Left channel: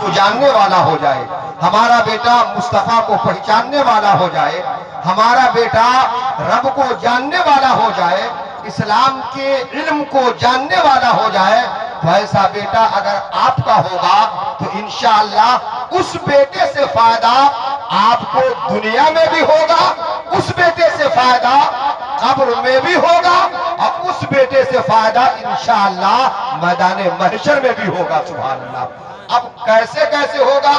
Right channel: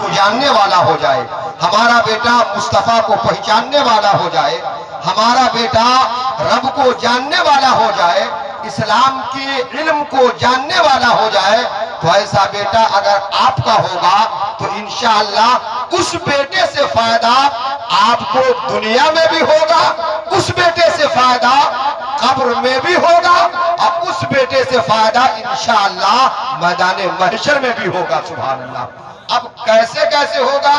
کو جاننے والا ہو جائے، ہمارا بیٹا مصطفیٰ کو پہچاننے والا ہو جائے، ہمارا بیٹا رب کو جاننے والا ہو جائے، اسلام کے علم کو جاننے والا ہو جائے، تو ایسا بیٹا اگر آپ کا ہوگا تو انشاءاللہ اس بیٹے سے فائدہ آپ کو دنیا میں بھی ہوگا، اس بیٹے سے فائدہ قبر میں بھی ہوگا، اور اس بیٹے سے فائدہ انشاءاللہ میدان محشر میں بھی ہوگا. سبحان اللہ. اب کیسے ہوگا؟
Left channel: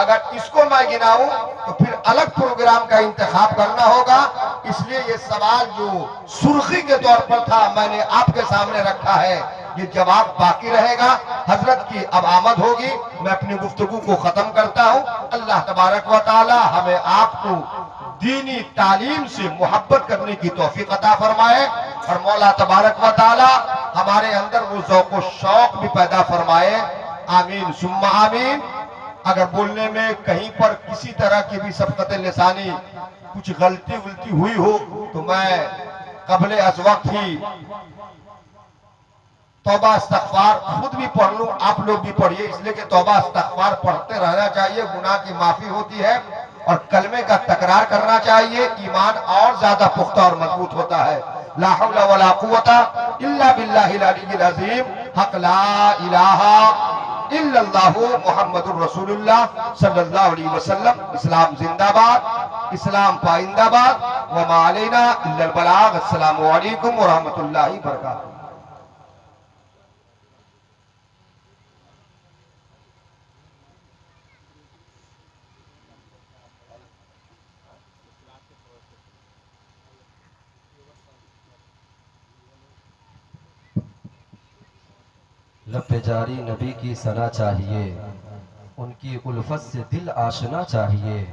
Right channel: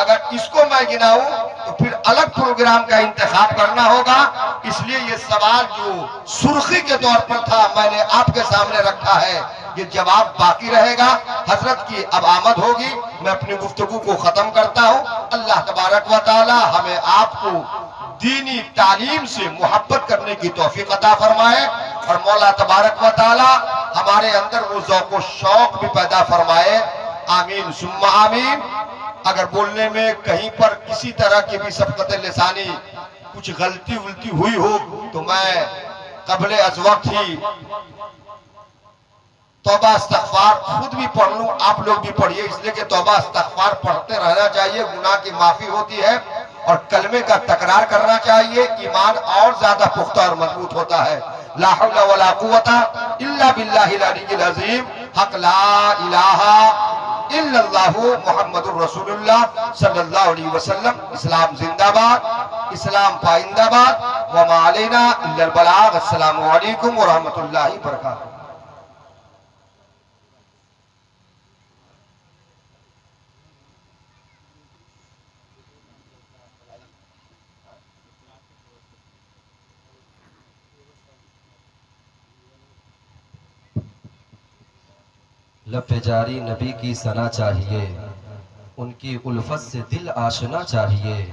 اگر اس کو میں گناؤں تو پھر الگ پروگرام کا انتخاب کرنا ہوگا. اس لیے یہ سوال جو سرخی کے طور پر تھا میں نے آپ کے سامنے رکھا ہے، یہ جواب باقی رہے گا. حضرت کی اب آمد ہوگی، میں اپنی گفتگو کو ختم کرتا ہوں. اللہ تبارک و تعالی ہمیں آپ کو دینی تعلیم سے محبت کرنے کی توفیق عطا فرمائے، اور مولا تبارک و تعالی ہمارے اندر وہ ذوق و شوق بھی پیدا فرمائے. آمین ثم آمین. اگر بولنے میں کہیں پر کسی طرح کی بھی سبقت لسانی کچھ غلطی ہوئی ہو تو میں قبل از وقت ہی توبہ استغفار خود بھی پڑھ لوں، آپ لوگ بھی پڑھیے، اس لیے کہ توبہ استغفار پڑھتے رہنا چاہیے، گناہ کی معافی ہوتی ہے، اور کلمے کا تکرار کرنا چاہیے، ایمان اور زیادہ پختہ اور مضبوط ہوتا ہے. لا حول ولا قوت الا باللہ العلی العظیم. حق لا الہ الا اللہ محمد الرسول اللہ صلی اللہ علیہ وسلم. اسلام زندہ باد، اسلام پائندہ باد. وما علینا الا البلاغ. السلام علیکم ورحمۃ اللہ وبرکاتہ. لب پہ جاری نبی کی ثنا چاہیے، ان کی الفت سے دل آشنا چاہیے.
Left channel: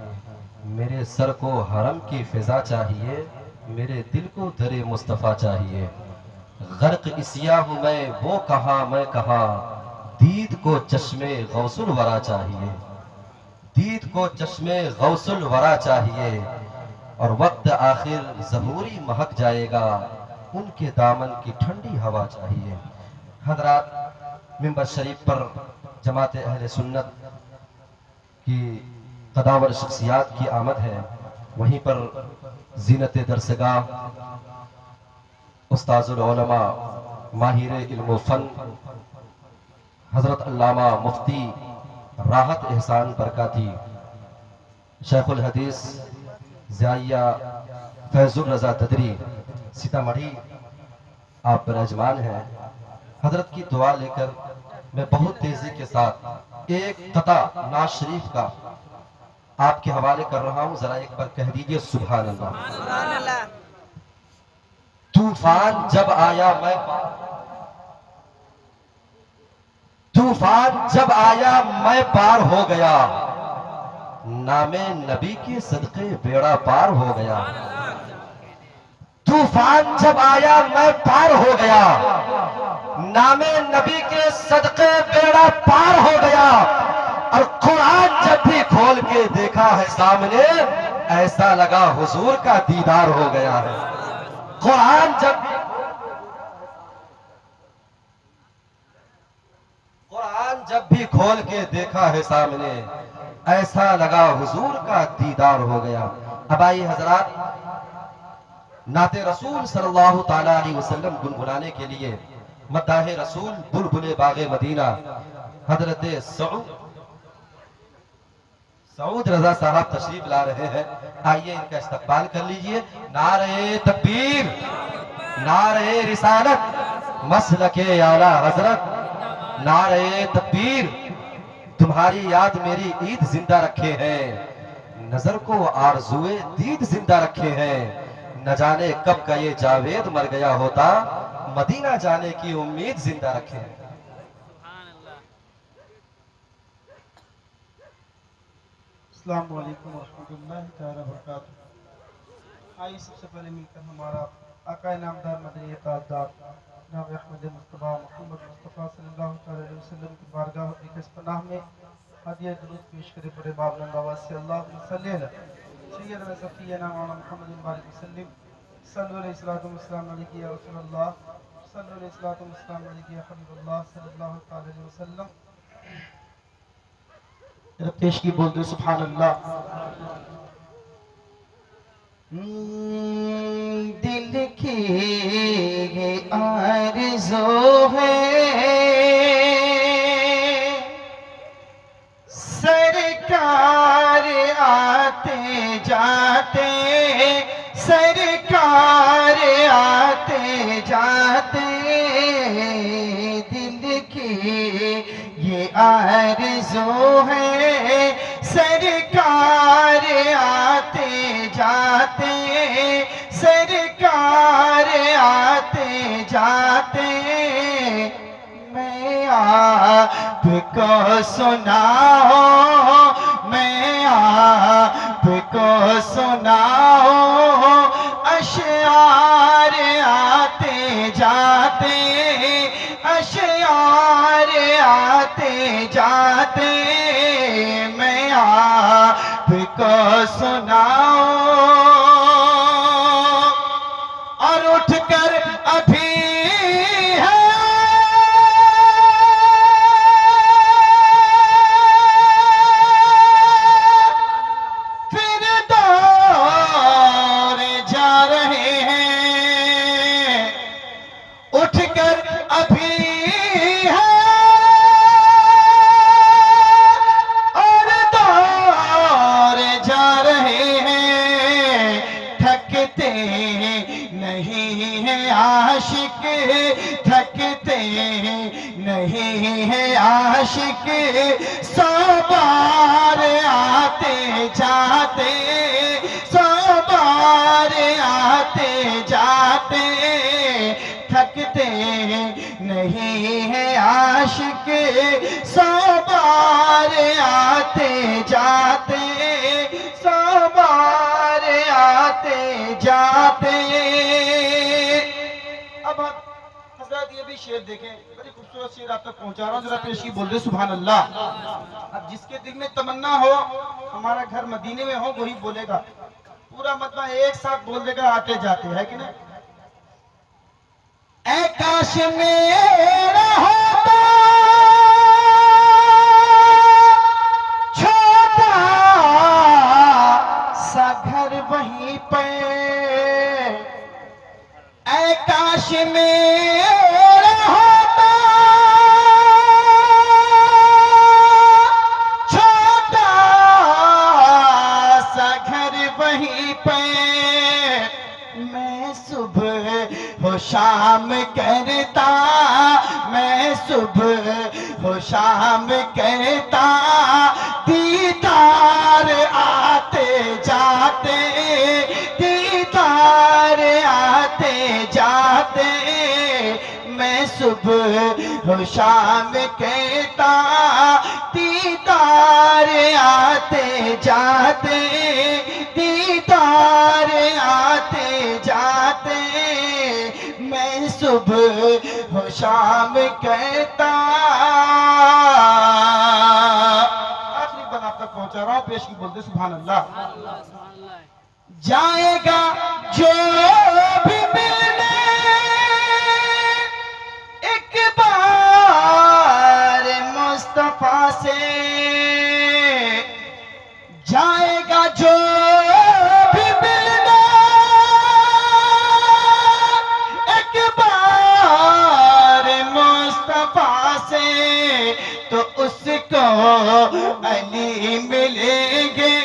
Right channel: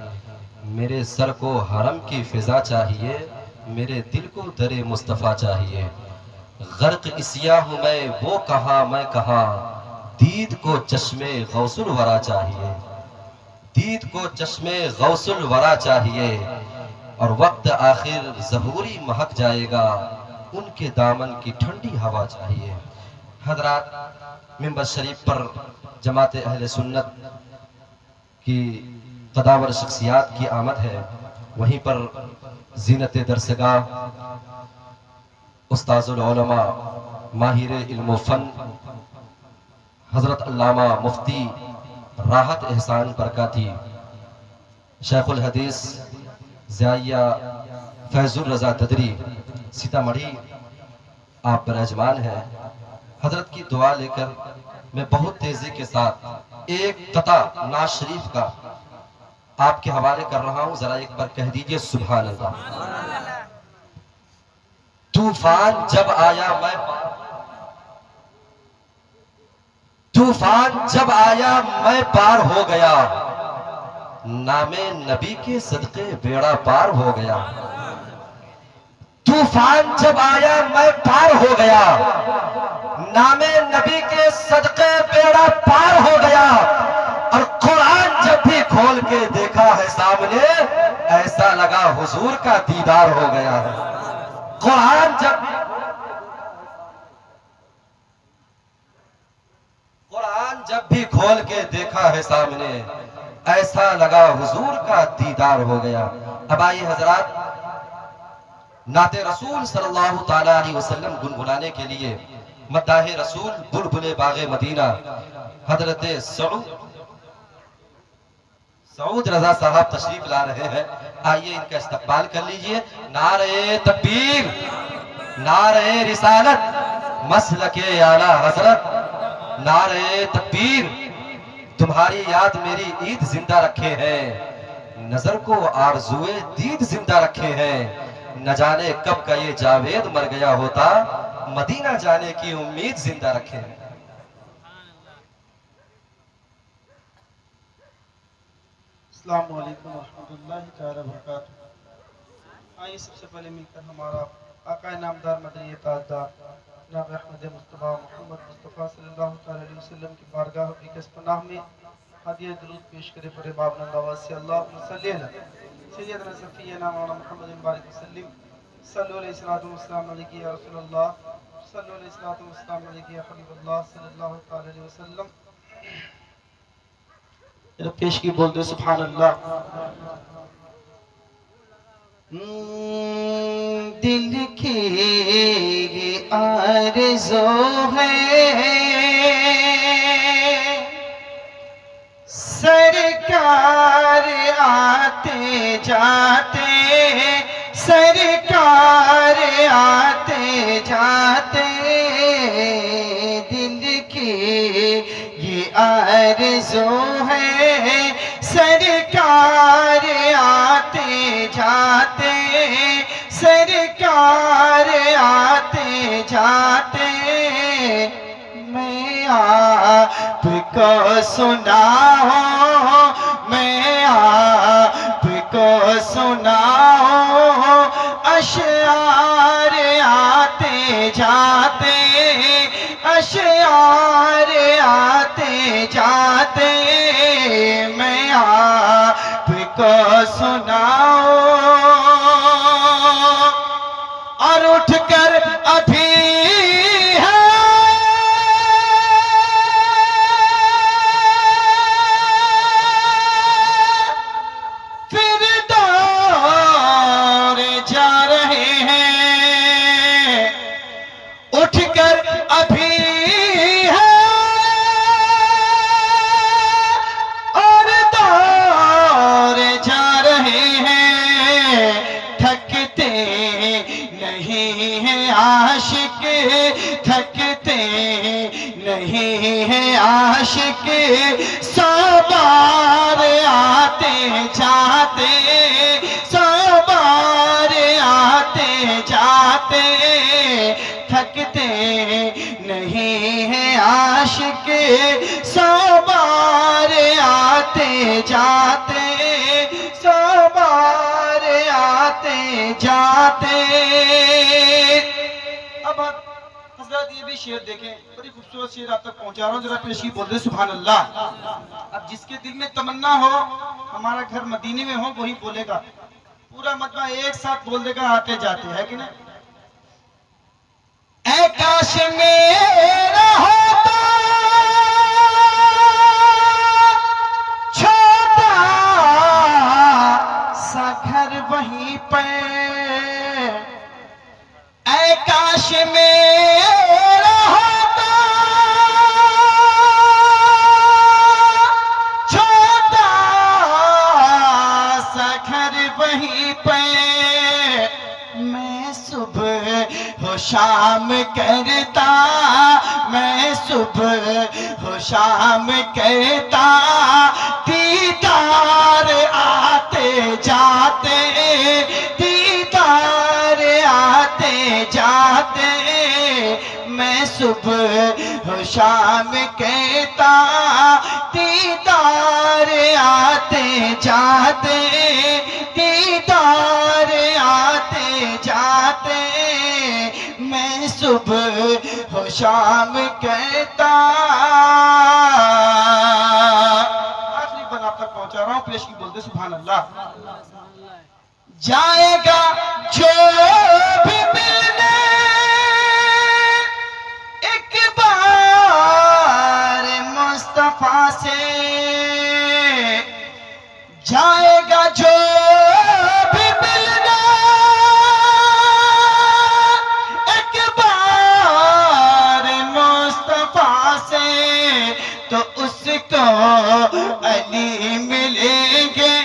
میرے سر کو حرم کی فضا چاہیے، میرے دل کو در مصطفیٰ چاہیے. غرق اسیا ہوں میں، وہ کہاں میں کہاں، دید کو چشم غوث الورا چاہیے. دید کو چشم غوث الورا چاہیے، اور وقت آخر ظہوری مہک جائے گا، ان کے دامن کی ٹھنڈی ہوا چاہیے. حضرات، منبر شریف پر جماعت اہل سنت کی قداور شخصیات کی آمد ہے. وہیں پر زینت درسگاہ استاذ العلماء ماہر علم و فن حضرت علامہ مفتی راحت احسان برکاتی، شیخ الحدیث ضیائیہ فیض الرضا تدری سیتامڑھی آپ برجمان ہیں. حضرت کی دعا لے کر میں بہت تیزی کے ساتھ ایک قطع نعت شریف کا آپ کے حوالے کر رہا ہوں، ذرا ایک بار کہہ دیجئے سبحان اللہ. طوفان جب آیا میں پار ہو گیا، نام نبی کے صدقے بیڑا پار ہو گیا. طوفان جب آیا میں پار ہو گیا، نام نبی کے صدقے بیڑا پار ہو گیا. اور قرآن جب بھی کھول کے دیکھا ہے سامنے، ایسا لگا حضور کا دیدار ہو گیا ہے. قرآن جب بھی کھول کے دیکھا ہے سامنے، ایسا لگا حضور کا دیدار ہو گیا. اب آئیے حضرات، نعت رسول صلی اللہ تعالیٰ علیہ وسلم گنگنانے کے لیے مداح رسول بلبل باغ مدینہ حضرت سعود رضا صاحب تشریف لا رہے ہیں. آئیے ان کا استقبال کر لیجئے. نعرہ تکبیر، نعرہ رسالت، مسلک اعلیٰ حضرت. نعرہ تکبیر. تمہاری یاد میری عید زندہ رکھے ہیں، نظر کو آرزوئے دید زندہ رکھے ہیں. نہ جانے کب کا یہ جاوید مر گیا ہوتا، مدینہ جانے کی امید زندہ رکھے ہیں. السلام علیکم ورحمۃ اللہ تعالی وبرکاتہ. آئیے سب سے پہلے مل کر ہمارا آقا نامدار مدنی تاجدار جناب احمد مصطفیٰ محمد مصطفیٰ صلی اللہ تعالی علیہ وسلم کی بارگاہ اقدس پناہ میں ہدیہ درود پیش کرے. پر باب نواز سے اللہم صلی علی سیدنا صفینا مولانا محمد بارک وسلم. صلو علیہ الصلوۃ والسلام علیک یا رسول اللہ، صلو علیہ الصلوۃ والسلام علیک یا حبیب اللہ صلی اللہ تعالی علیہ وسلم. ذرا پیش کی بول دے سبحان اللہ. دل کی آرزو ہے سرکار آتے جاتے، سرکار آتے جاتے، دل کی یہ آرزو ہے سرکار آتے جاتے، سرکار آتے جاتے. میں آپ کو سناؤں، میں آپ کو سناؤں اشعار آتے جاتے، اشعار آتے جاتے. میں آپ کو سناؤں اور اٹھ کر ابھی اٹھ کر ابھی ہے اور دور جا رہے ہیں، تھکتے نہیں ہیں عاشق، تھکتے نہیں ہیں عاشق. سو بار آتے جاتے، سو بار آتے جاتے، تھکتے نہیں ہیں عاشق. سو بار آتے جاتے، سو بار آتے جاتے. اب حضرات یہ بھی شعر دیکھیں، بڑی خوبصورت شعر آپ تک پہنچا رہا ہوں، ذرا پیش کی بول دے سبحان اللہ. اب جس کے دل میں تمنا ہو ہمارا گھر مدینے میں ہو وہی بولے گا، پورا مجمع ایک ساتھ بول دے گا آتے جاتے، ہے کہ نہیں؟ اے کاش میرا ہوتا چھوٹا سا گھر وہیں پہ، اے کاش میرا ہوتا چھوٹا سا گھر وہیں پہ. میں صبح و شام کرتا، میں صبح و شام کرتا، دیدار آتے جاتے، دیدار آتے جاتے. میں صبح و شام کہتا، دیدار آتے جاتے، دیدار آتے جاتے. میں صبح و شام کہتا. آخری بن آپ تک پہنچا رہا ہوں، پیش کی بولتے سبحان اللہ. جائے گا جو بھی ملنے ایک بار مصطفیٰ سے، جائے گا جو بھی ملنے ایک بار مصطفیٰ سے، تو اس کو علی ملیں گے،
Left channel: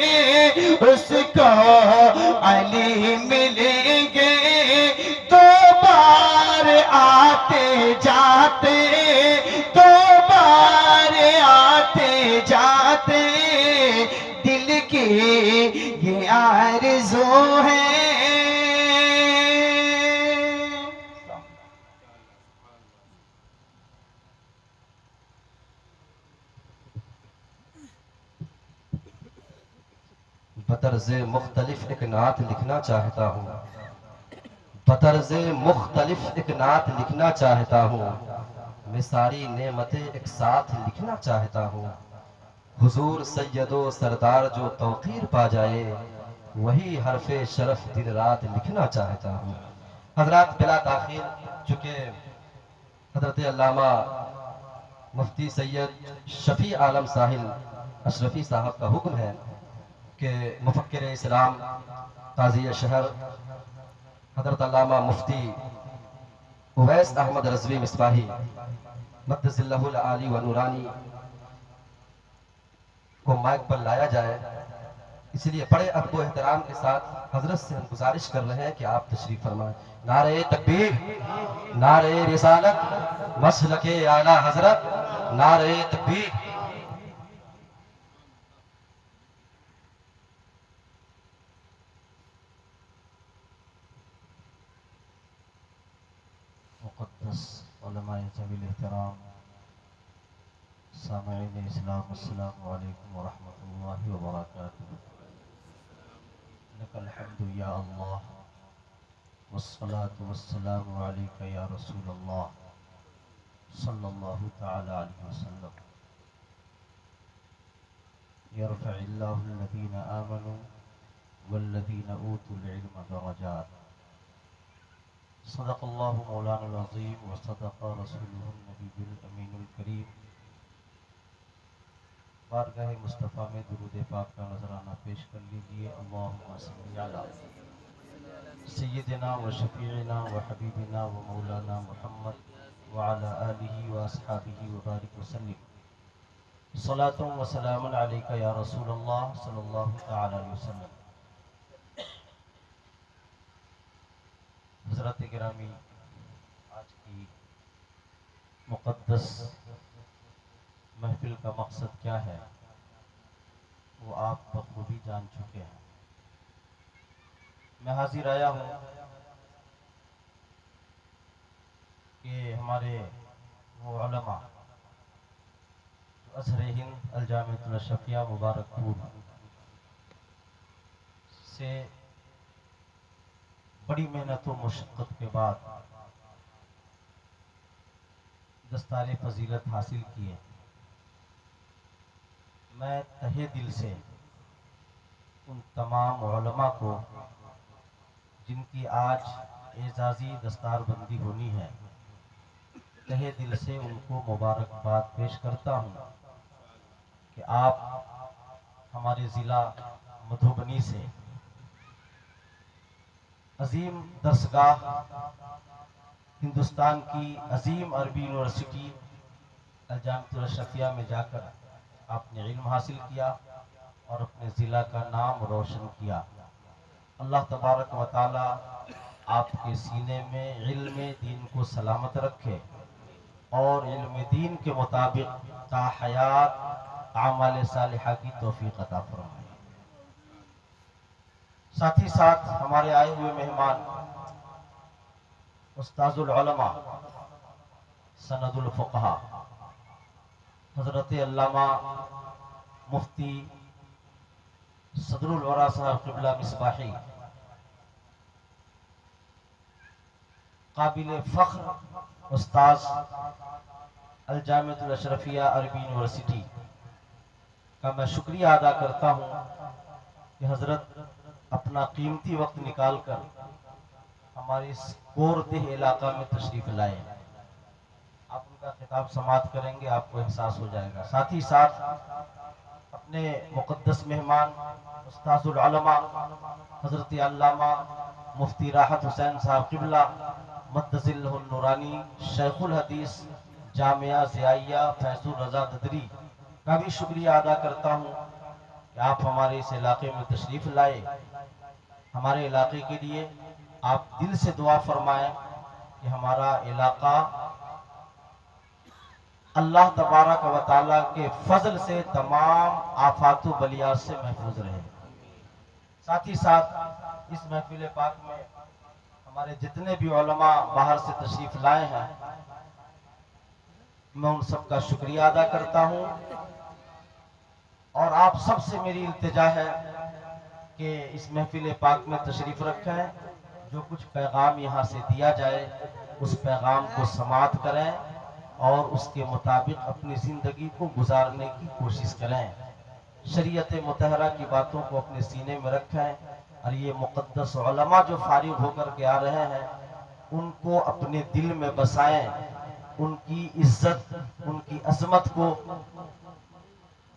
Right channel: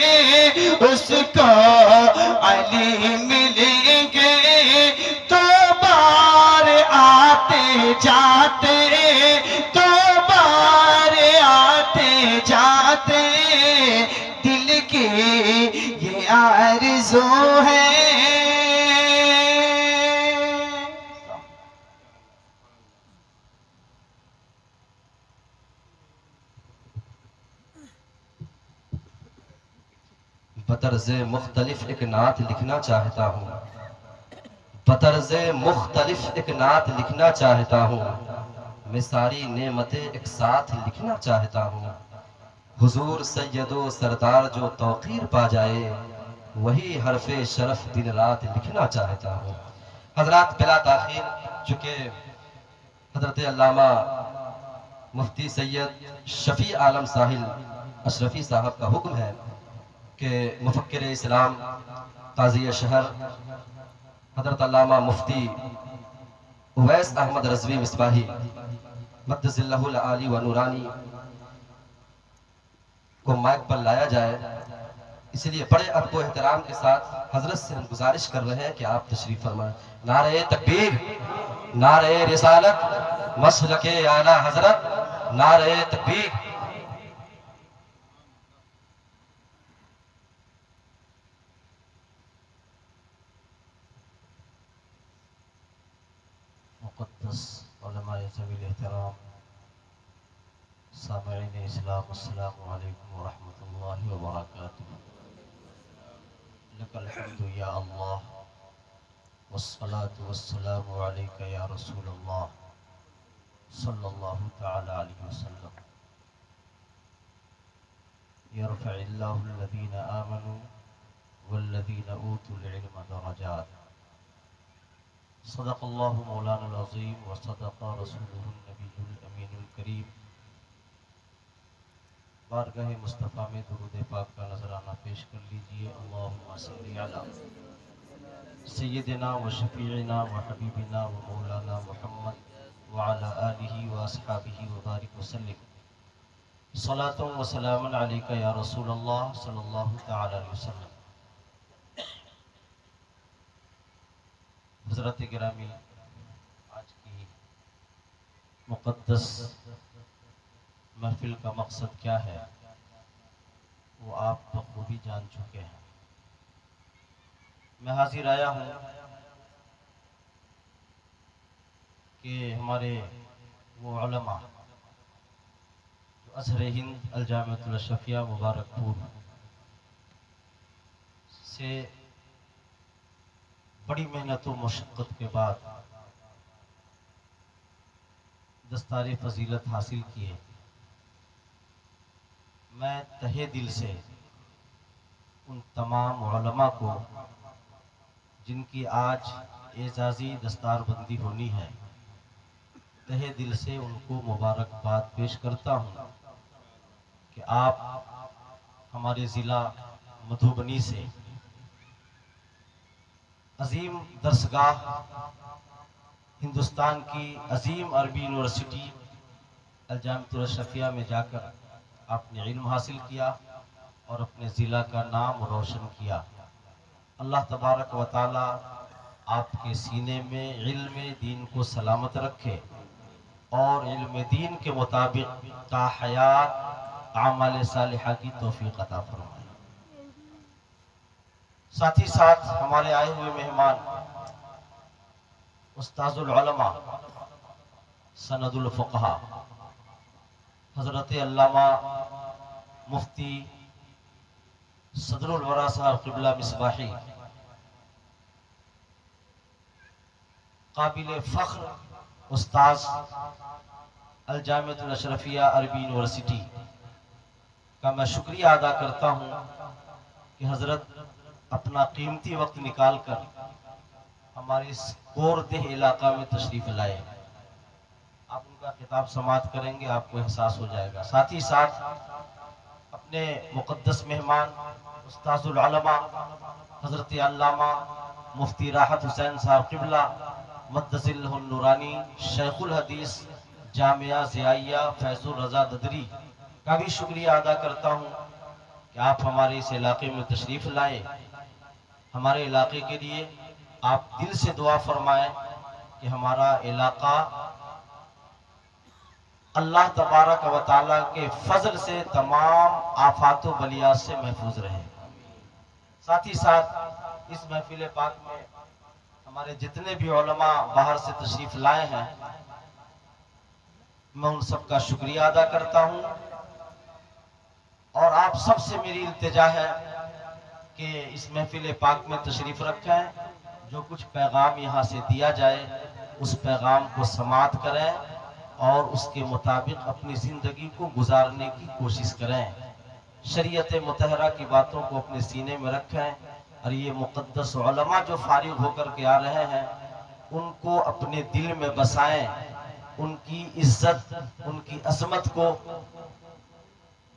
اس کو علی ملیں گے. دو بار آتے جاتے، دو بار آتے جاتے، دل کی یہ آرزو ہے. بطرز مختلف ایک نعت لکھنا چاہتا ہوں، بطرز مختلف ایک نعت لکھنا چاہتا ہوں. میں ساری نعمتیں ایک ساتھ لکھنا چاہتا ہوں. حضور سید و سردار جو توقیر پا جائے، وہی حرف شرف دن رات لکھنا چاہتا ہوں. حضرات بلا تاخیر، چونکہ حضرت علامہ مفتی سید شفیع عالم ساحل اشرفی صاحب کا حکم ہے کہ مفکر اسلام قاضی شہر حضرت علامہ مفتی اویس احمد رضوی مصباحی مقدس اللہ العالی و نورانی کو مائک پر لایا جائے، اس لیے بڑے ادب و احترام کے ساتھ حضرت سے ہم گزارش کر رہے ہیں کہ آپ تشریف فرمائیں۔ نعرہ تکبیر، نعرہ رسالت، مسلک اعلیٰ حضرت، نعرہ تکبیر۔ مقدس علماء ذوی الاحترام، سامعین اسلام، السلام علیکم ورحمۃ اللہ وبرکاتہ۔ لک الحمد یا اللہ والصلاة والسلام علیک یا رسول اللہ صلی اللہ تعالی علیہ وسلم۔ یرفع اللہ الذین آمنوا والذین اوتوا العلم درجات۔ صدق اللہ مولانا العظیم وصدق رسولہ النبی الامین الکریم۔ بارگاہ مصطفیٰ میں درود پاک کا نذرانہ پیش کر لیجئے۔ اللہم صلی علی سیدنا و شفیعنا و حبیبنا و مولانا محمد وعلی آلہ و اصحابہ وبارک وسلم۔ صلاۃ و سلام علیک یا رسول اللہ صلی اللہ تعالی علیہ وسلم۔ حضرت گرامی، آج کی مقدس محفل کا مقصد کیا ہے وہ آپ بخوبی جان چکے ہیں۔ میں حاضر آیا ہوں کہ ہمارے وہ علماء جو ازہر ہند الجامعۃ الاشرفیہ مبارک پور سے بڑی محنت و مشقت کے بعد دستار فضیلت حاصل کیے، میں تہہ دل سے ان تمام علماء کو جن کی آج اعزازی دستار بندی ہونی ہے، تہہ دل سے ان کو مبارکباد پیش کرتا ہوں کہ آپ ہمارے ضلع مدھوبنی سے عظیم درسگاہ، ہندوستان کی عظیم عربی یونیورسٹی الجامعۃ الاشرفیہ میں جا کر آپ نے علم حاصل کیا اور اپنے ضلع کا نام روشن کیا۔ اللہ تبارک و تعالی آپ کے سینے میں علم دین کو سلامت رکھے اور علم دین کے مطابق تا حیات اعمال صالحہ کی توفیق عطا فرمائے۔ ساتھ ہی ساتھ ہمارے آئے ہوئے مہمان استاذ العلماء، سند الفقہاء، حضرت علامہ مفتی صدر الورا صاحب قبلہ مصباحی، قابل فخر استاذ الجامعۃ الاشرفیہ عربی یونیورسٹی کا میں شکریہ ادا کرتا ہوں کہ حضرت اپنا قیمتی وقت نکال کر ہمارے اس کور دہ علاقہ میں تشریف لائے۔ آپ ان کا خطاب سماعت کریں گے، آپ کو احساس ہو جائے گا۔ ساتھ ہی ساتھ اپنے مقدس مہمان استاذ العلماء حضرت علامہ مفتی راحت حسین صاحب قبلہ مقدس اللہ النورانی، شیخ الحدیث جامعہ ضیائیہ فیض الرضا ددری کا بھی شکریہ ادا کرتا ہوں کہ آپ ہمارے اس علاقے میں تشریف لائے۔ ہمارے علاقے کے لیے آپ دل سے دعا فرمائیں کہ ہمارا علاقہ اللہ تبارک و تعالیٰ کے فضل سے تمام آفات و بلیات سے محفوظ رہے۔ ساتھ ہی ساتھ اس محفل پاک میں ہمارے جتنے بھی علماء باہر سے تشریف لائے ہیں، میں ان سب کا شکریہ ادا کرتا ہوں، اور آپ سب سے میری التجا ہے کہ اس محفل پاک میں تشریف رکھیں، جو کچھ پیغام یہاں سے دیا جائے اس پیغام کو سماعت کریں اور اس کے مطابق اپنی زندگی کو گزارنے کی کوشش کریں۔ شریعت مطہرہ کی باتوں کو اپنے سینے میں رکھیں، اور یہ مقدس علماء جو فارغ ہو کر کے آ رہے ہیں ان کو اپنے دل میں بسائیں، ان کی عزت، ان کی عظمت کو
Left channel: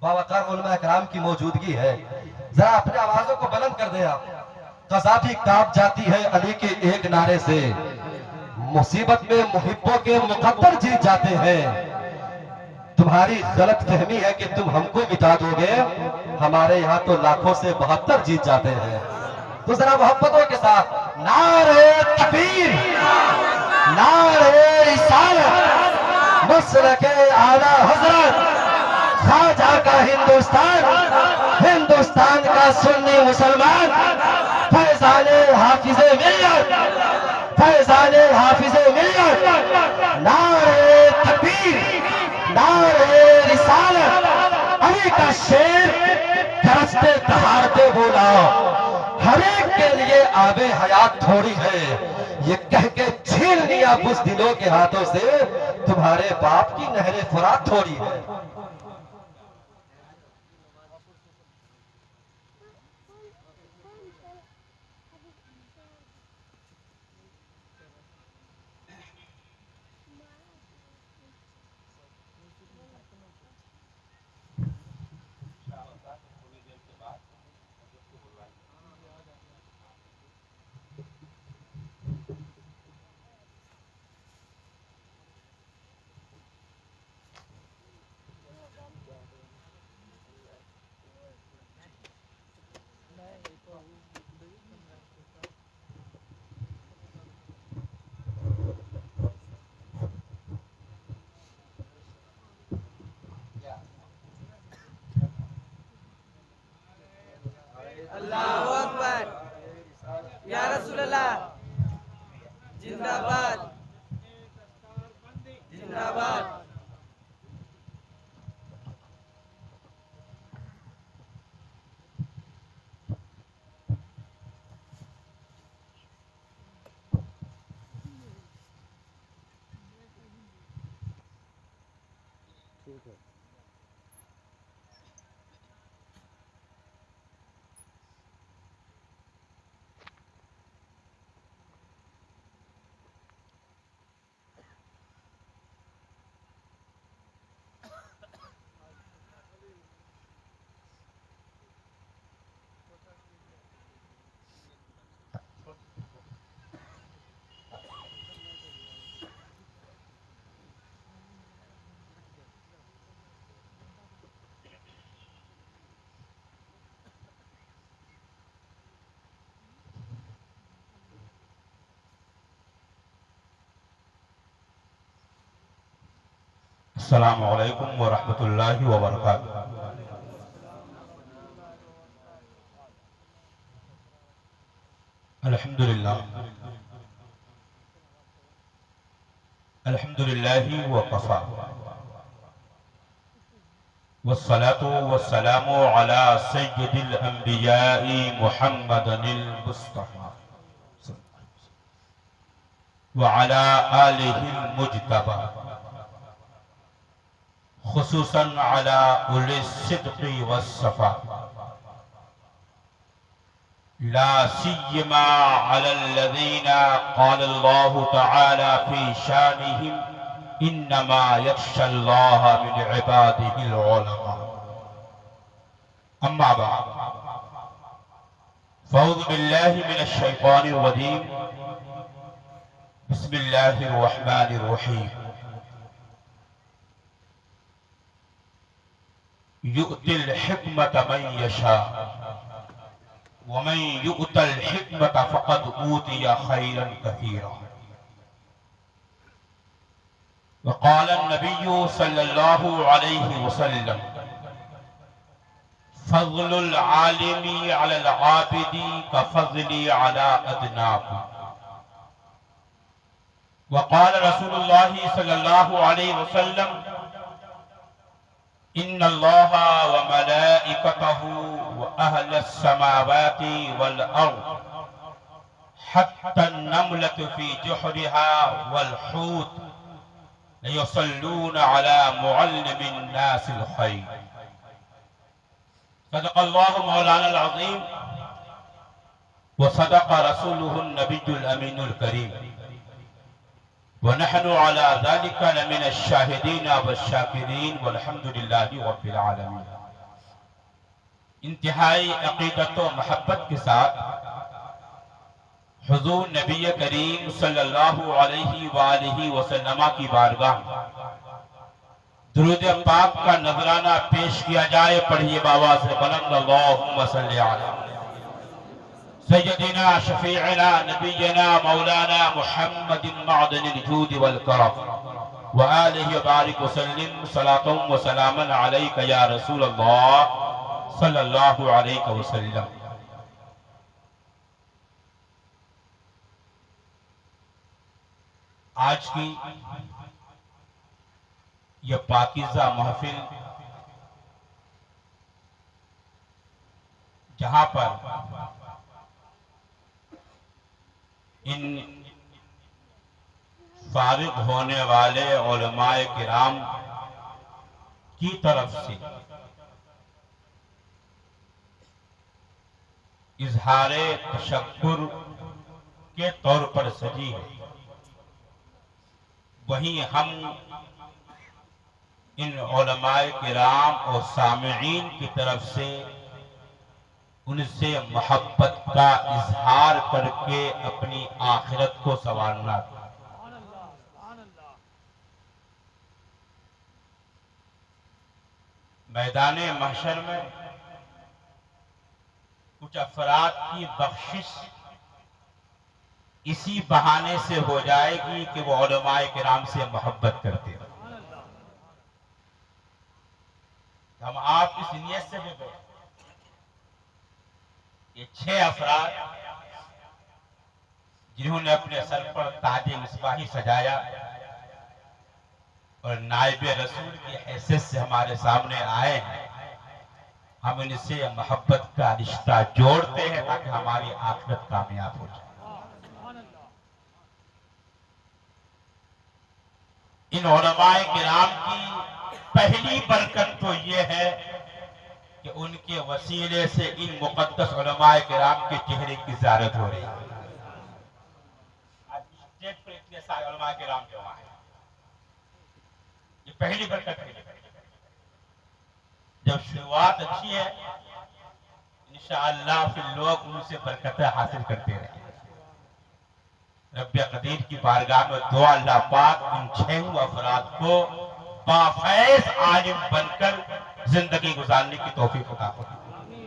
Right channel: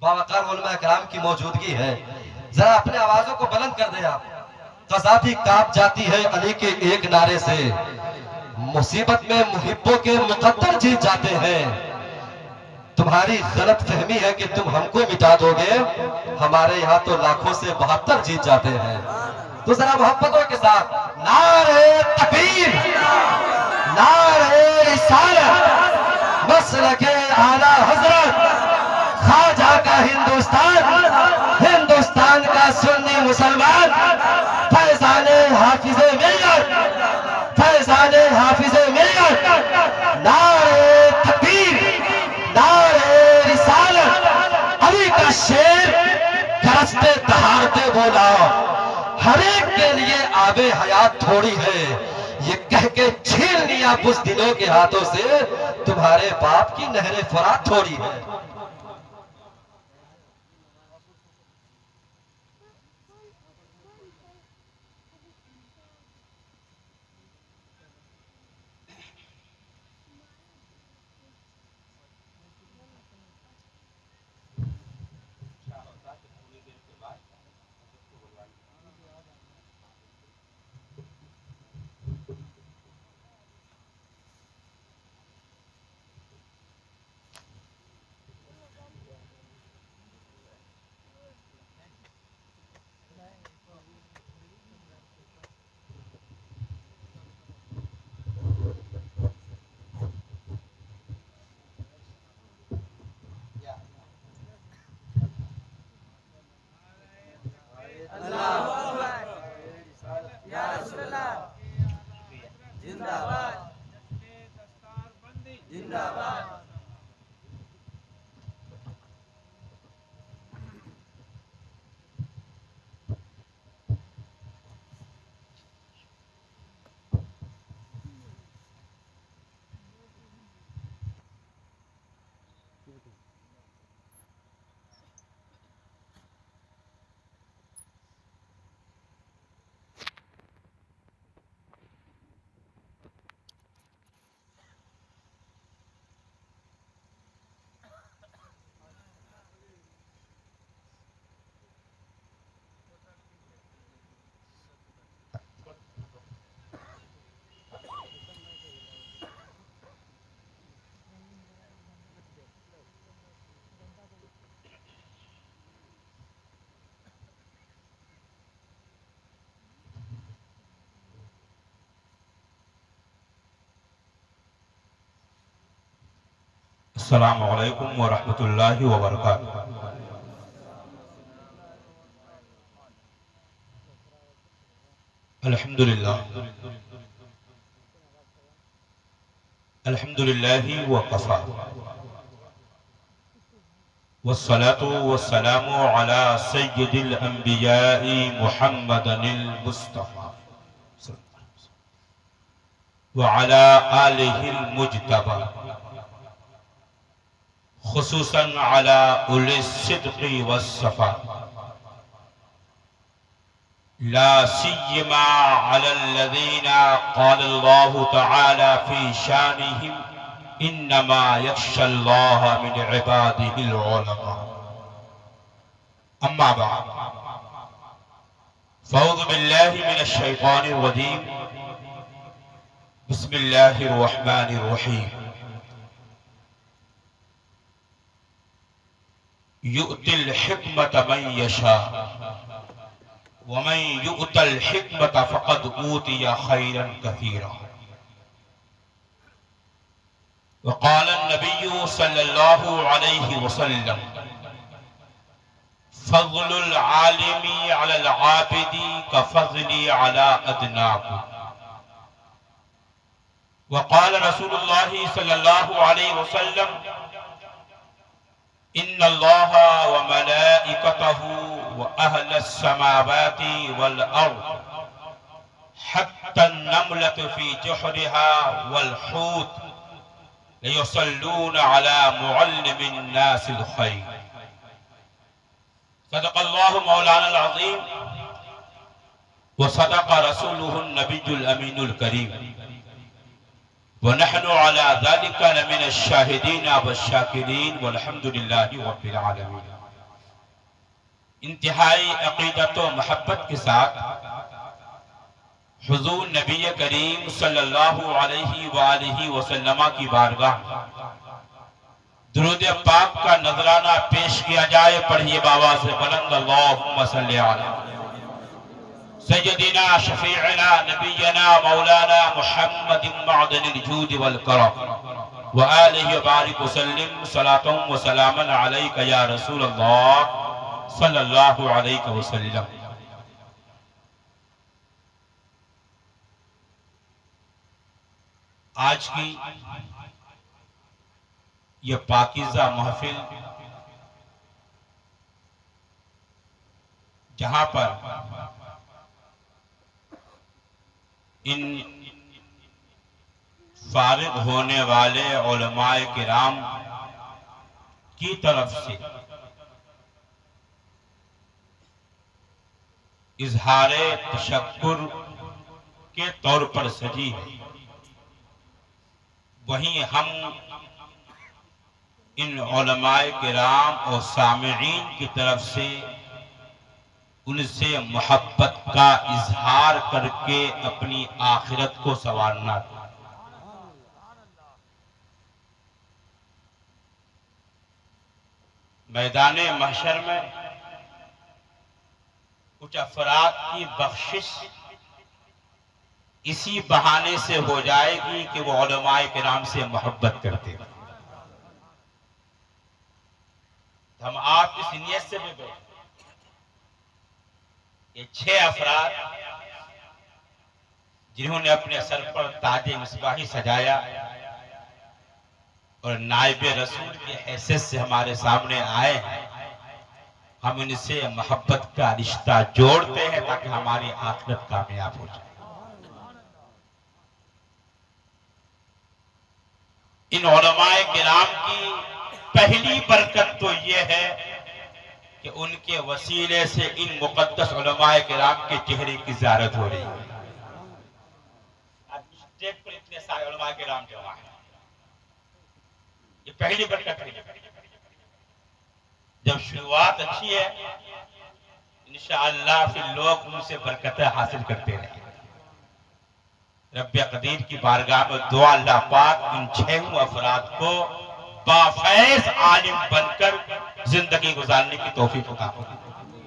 باوقار علماء کرام کی موجودگی ہے، ذرا اپنے آوازوں کو بلند کر دے آپ. فضا بھی کانپ جاتی ہے علی کے ایک نعرے سے، مصیبت میں محبوں کے مقدر جیت جاتے ہیں. تمہاری غلط فہمی ہے کہ تم ہم کو مٹا دو گے، ہمارے یہاں تو لاکھوں سے 72 جیت جاتے ہیں. تو ذرا محبتوں کے ساتھ نعرہ تکبیر، نعرہ رسالت، مسلک اعلی حضرت خواجہ کا ہندوستان، ہندوستان کا سنی مسلمان، فیضان حافظ ملت، فیضان حافظ ملت. نعرہ تکبیر، نعرہ رسالت، علی کا شیر گرجتے دہاڑتے بولا، ہر ایک کے لیے آب حیات تھوڑی ہے، یہ کہہ کے چھین لیا بزدلوں کے ہاتھوں سے، تمہارے باپ کی نہر فرات تھوڑی ہے. السلام علیکم ورحمۃ اللہ وبرکاتہ. الحمدللہ الحمدللہ وکفا والصلاة والسلام علی سید الانبیاء محمد المصطفى وعلى آلہ المجتبى خصوصاً على أولي الصدق والصفاء لا سيما على الذين قال الله تعالى في شانهم إنما يخشى الله من عباده العلماء. أما بعد فأعوذ بالله من الشيطان الرجيم. بسم الله الرحمن الرحيم. يؤتي الحكمة من يشاء ومن يؤت الحكمة فقد أوتي خيرا كثيرا. وقال النبي صلى الله عليه وسلم فضل العالم على العابد كفضلي على أدناكم. وقال رسول الله صلى الله عليه وسلم إن الله وملائكته وأهل السماوات والأرض حتى النملة في جحرها والحوت ليصلون على معلم الناس الخير. صدق الله مولانا العظيم وصدق رسوله النبي الأمين الكريم ونحن على ذلك لمن الشاهدين والشاكرين والحمد لله رب العالمين. انتہائی عقیدت و محبت کے ساتھ حضور نبی کریم صلی اللہ علیہ وآلہ وسلم کی بارگاہ درود پاک کا نذرانہ پیش کیا جائے. پڑھیے بابا سے بلند اللہم صلی علی سیدنا شفیعنا نبینا مولانا محمد معدن الجود والکرم وآلہ بارک وسلم صلاة و سلاما علیک یا رسول اللہ صلی اللہ علیہ وسلم. آج کی یہ پاکیزہ محفل جہاں پر ان فارغ ہونے والے علماء کرام کی طرف سے اظہار تشکر کے طور پر سجی ہے، وہیں ہم ان علماء کرام اور سامعین کی طرف سے ان سے محبت کا اظہار کر کے اپنی آخرت کو سنوارنا. میدان محشر میں کچھ افراد کی بخشش اسی بہانے سے ہو جائے گی کہ وہ علماء کرام سے محبت کرتے ہیں. ہم آپ اس نیت سے بھی بیٹھے، یہ 6 افراد جنہوں نے اپنے سر پر تاج مصباحی سجایا اور نائب رسول کی حیثیت سے ہمارے سامنے آئے ہیں، ہم ان سے محبت کا رشتہ جوڑتے ہیں تاکہ ہماری آخرت کامیاب ہو جائے. ان علماء کرام کی پہلی برکت تو یہ ہے کہ ان کے وسیلے سے ان مقدس علماء کرام کے چہرے کی زیارت ہو رہی ہے. آج اسٹیج پر اتنے سارے علماء کرام جمع ہیں، یہ پہلی برکت ہے. جب شروعات اچھی ہے انشاءاللہ پھر لوگ ان سے برکتیں حاصل کرتے رہیں. رب قدیر کی بارگاہ میں دعا اللہ پاک ان 6 افراد کو بافیض عالم بن کر زندگی گزارنے کی توفیق عطا فرمائے.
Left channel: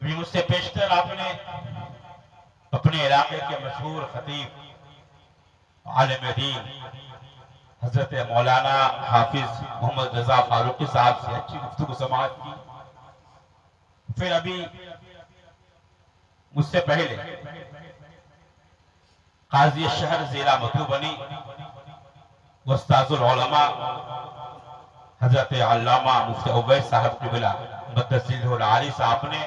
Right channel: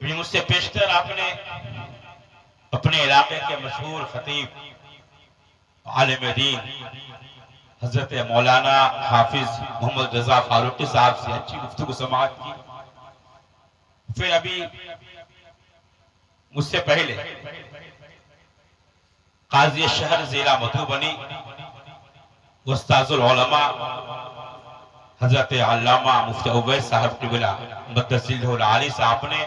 ابھی مجھ سے پیشتر آپ نے اپنے علاقے کے مشہور خطیب عالم دین حضرت مولانا حافظ محمد رضا فاروقی صاحب سے اچھی گفتگو سماعت کی. پھر ابھی مجھ سے پہلے قاضی شہر ضلع مدھوبنی استاذ العلماء حضرت علامہ مفتی اویس صاحب قبلہ متصل العالی صاحب نے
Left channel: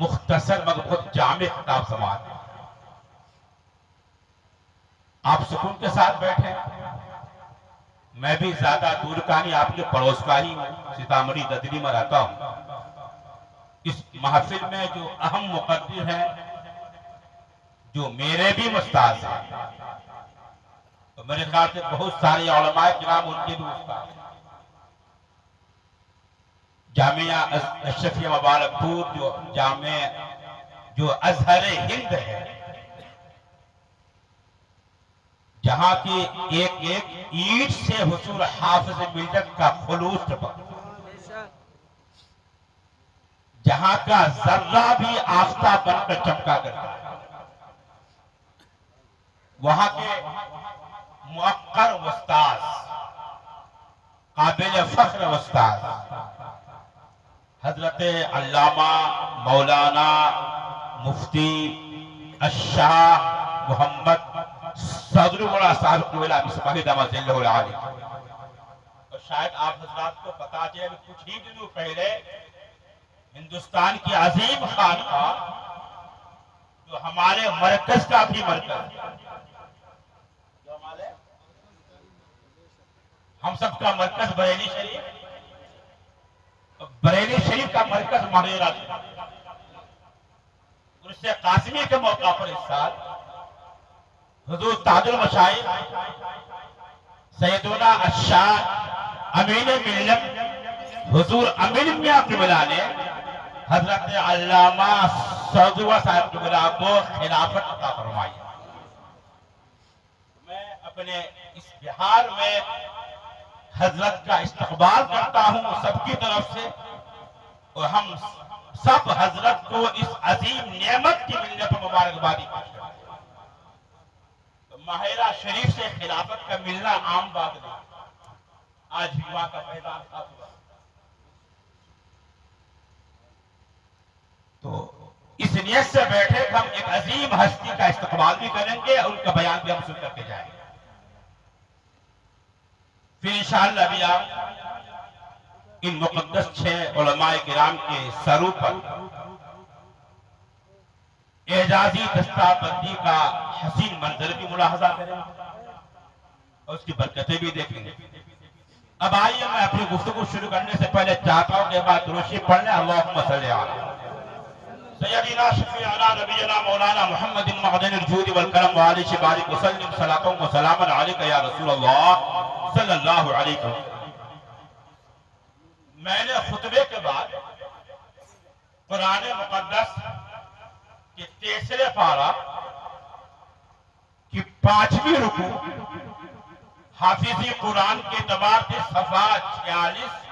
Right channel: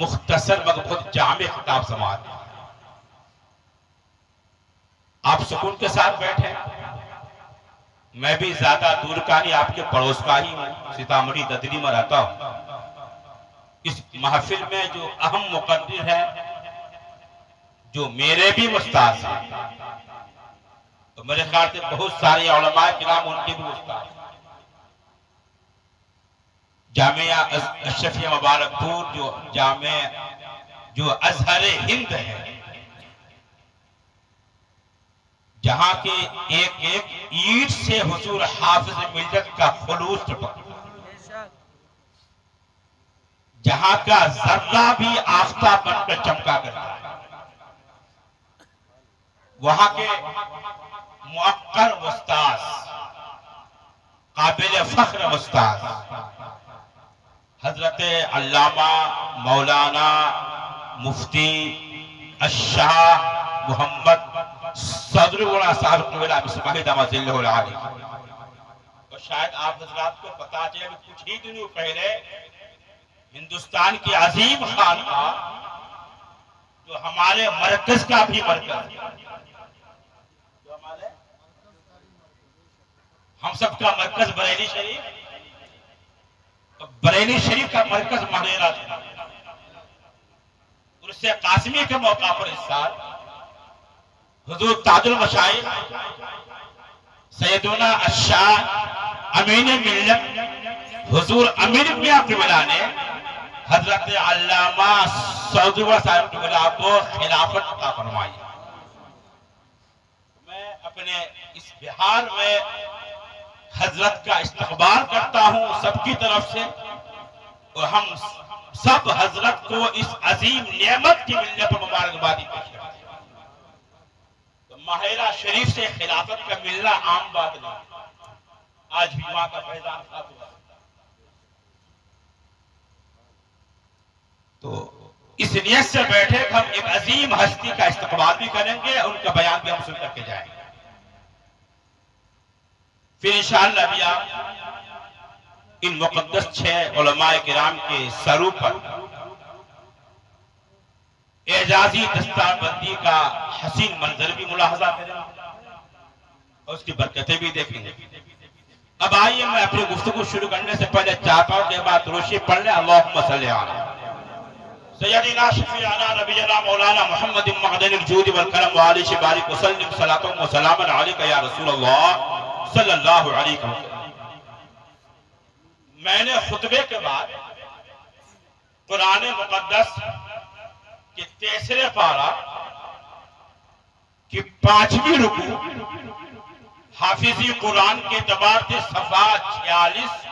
مختصر مگر بہت جامع خطاب سماعت کی. آپ سکون کے ساتھ بیٹھے. میں بھی زیادہ دور کا نہیں، آپ کے پڑوس کا ہی ہوں، سیتامڑھی ددری میں رہتا ہوں. اس محفل میں جو اہم مقرر ہے جو میرے بھی استاد ہیں، تو میرے خیال سے بہت سارے علماء کرام ان کے بھی استاد ہیں. جامعہ اشرفیہ مبارک پور جو ازہر ہند ہے، جہاں کی ایک ایک اینٹ سے حضور حافظ ملت کا خلوص ٹپکتا، جہاں کا ذرہ بھی آفتاب بن کر چمکا کرتا، وہاں کے موقر استاذ، قابل فخر استاذ حضرت علامہ مولانا مفتی الشاہ محمد صدر گڑا صاحب قبلہ مصباحی دامت ذلہ العالی. تو شاید آپ حضرات کو پتا چلے کہ کچھ ہی دنوں پہلے ہندوستان کی عظیم خانقاہ جو ہمارے مرکز کا بھی مرکز ہے، جو ہم سب کا مرکز بریلی شریف، تو بریلی شریف کا مرکز مہریرہ شریف، عرس قاسمی کے موقع پر اس سال حضور تاج المشائخ سیدنا الشاہ امین ملت حضور امیر میاں قبلہ نے حضرت علامہ سعدوہ صاحب قبلہ کو خلافت عطا فرمائی. میں اپنے اس بہار میں حضرت کا استقبال کرتا ہوں سب کی طرف سے، اور ہم سب حضرت کو اس عظیم نعمت کی ملنے پر مبارکبادی پیش کرتے ہیں. تو ماہرہ شریف سے خلافت کا ملنا عام بات نہیں، آج بھی وہاں کا فیضان خاص ہوا. تو اس نیت سے بیٹھے کہ ہم ایک عظیم ہستی کا استقبال بھی کریں گے اور ان کا بیان بھی ہم سن کر کے جائیں گے. پھر انشاءاللہ بھی آپ ان مقدس 6 علماء کرام کے سروں پر اعجازی دستار بندی کا حسین منظر بھی ملاحظہ کریں گے اور اس کی برکتیں بھی دیکھیں گے. اب آئیے میں اپنی گفتگو شروع کرنے سے پہلے چاہتا ہوں کہ بعد روشی پڑھ لیں. اللہم صلی علی سیدنا شفیعنا نبینا مولانا محمد معدن الجود والکرم وآلہ بارک وسلم صلاۃ و سلاما علیک یا رسول اللہ صلی اللہ علیہ وسلم. میں نے خطبے کے بعد قرآن مقدس کے 3 پارہ کی 5ویں رکوع حافظی قرآن کے اعتبار سے صفحہ 46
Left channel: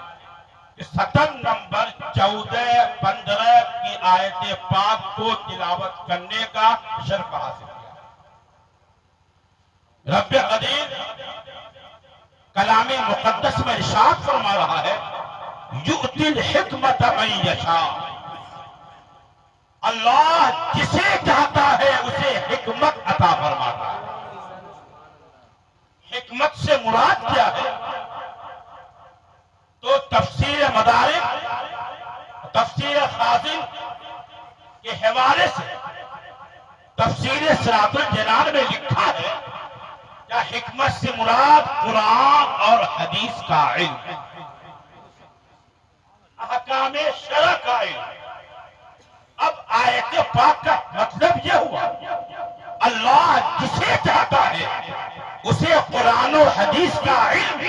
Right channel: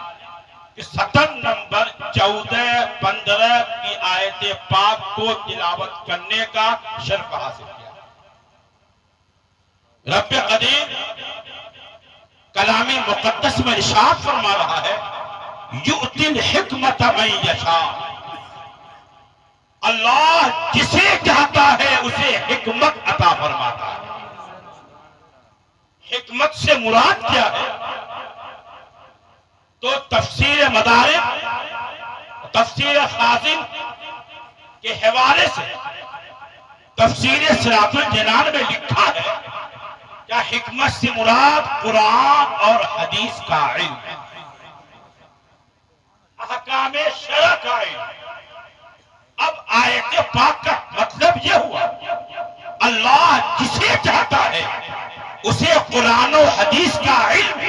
سطر نمبر 14 15 کی آیت پاک کو تلاوت کرنے کا شرف حاصل کیا. رب قدیر کلام مقدس میں ارشاد فرما رہا ہے یؤتی الحکمت من یشاء. اللہ جسے چاہتا ہے اسے حکمت عطا فرماتا ہے. حکمت سے مراد کیا ہے؟ تو تفسیر مدارک تفسیر خازن کے حوالے سے تفسیر صراط الجنان میں لکھا ہے کہ حکمت سے مراد قرآن اور حدیث کا علم، احکام شرع کا علم. اب آیت پاک کا مطلب یہ ہوا اللہ جسے چاہتا ہے اسے قرآن و حدیث کا علم،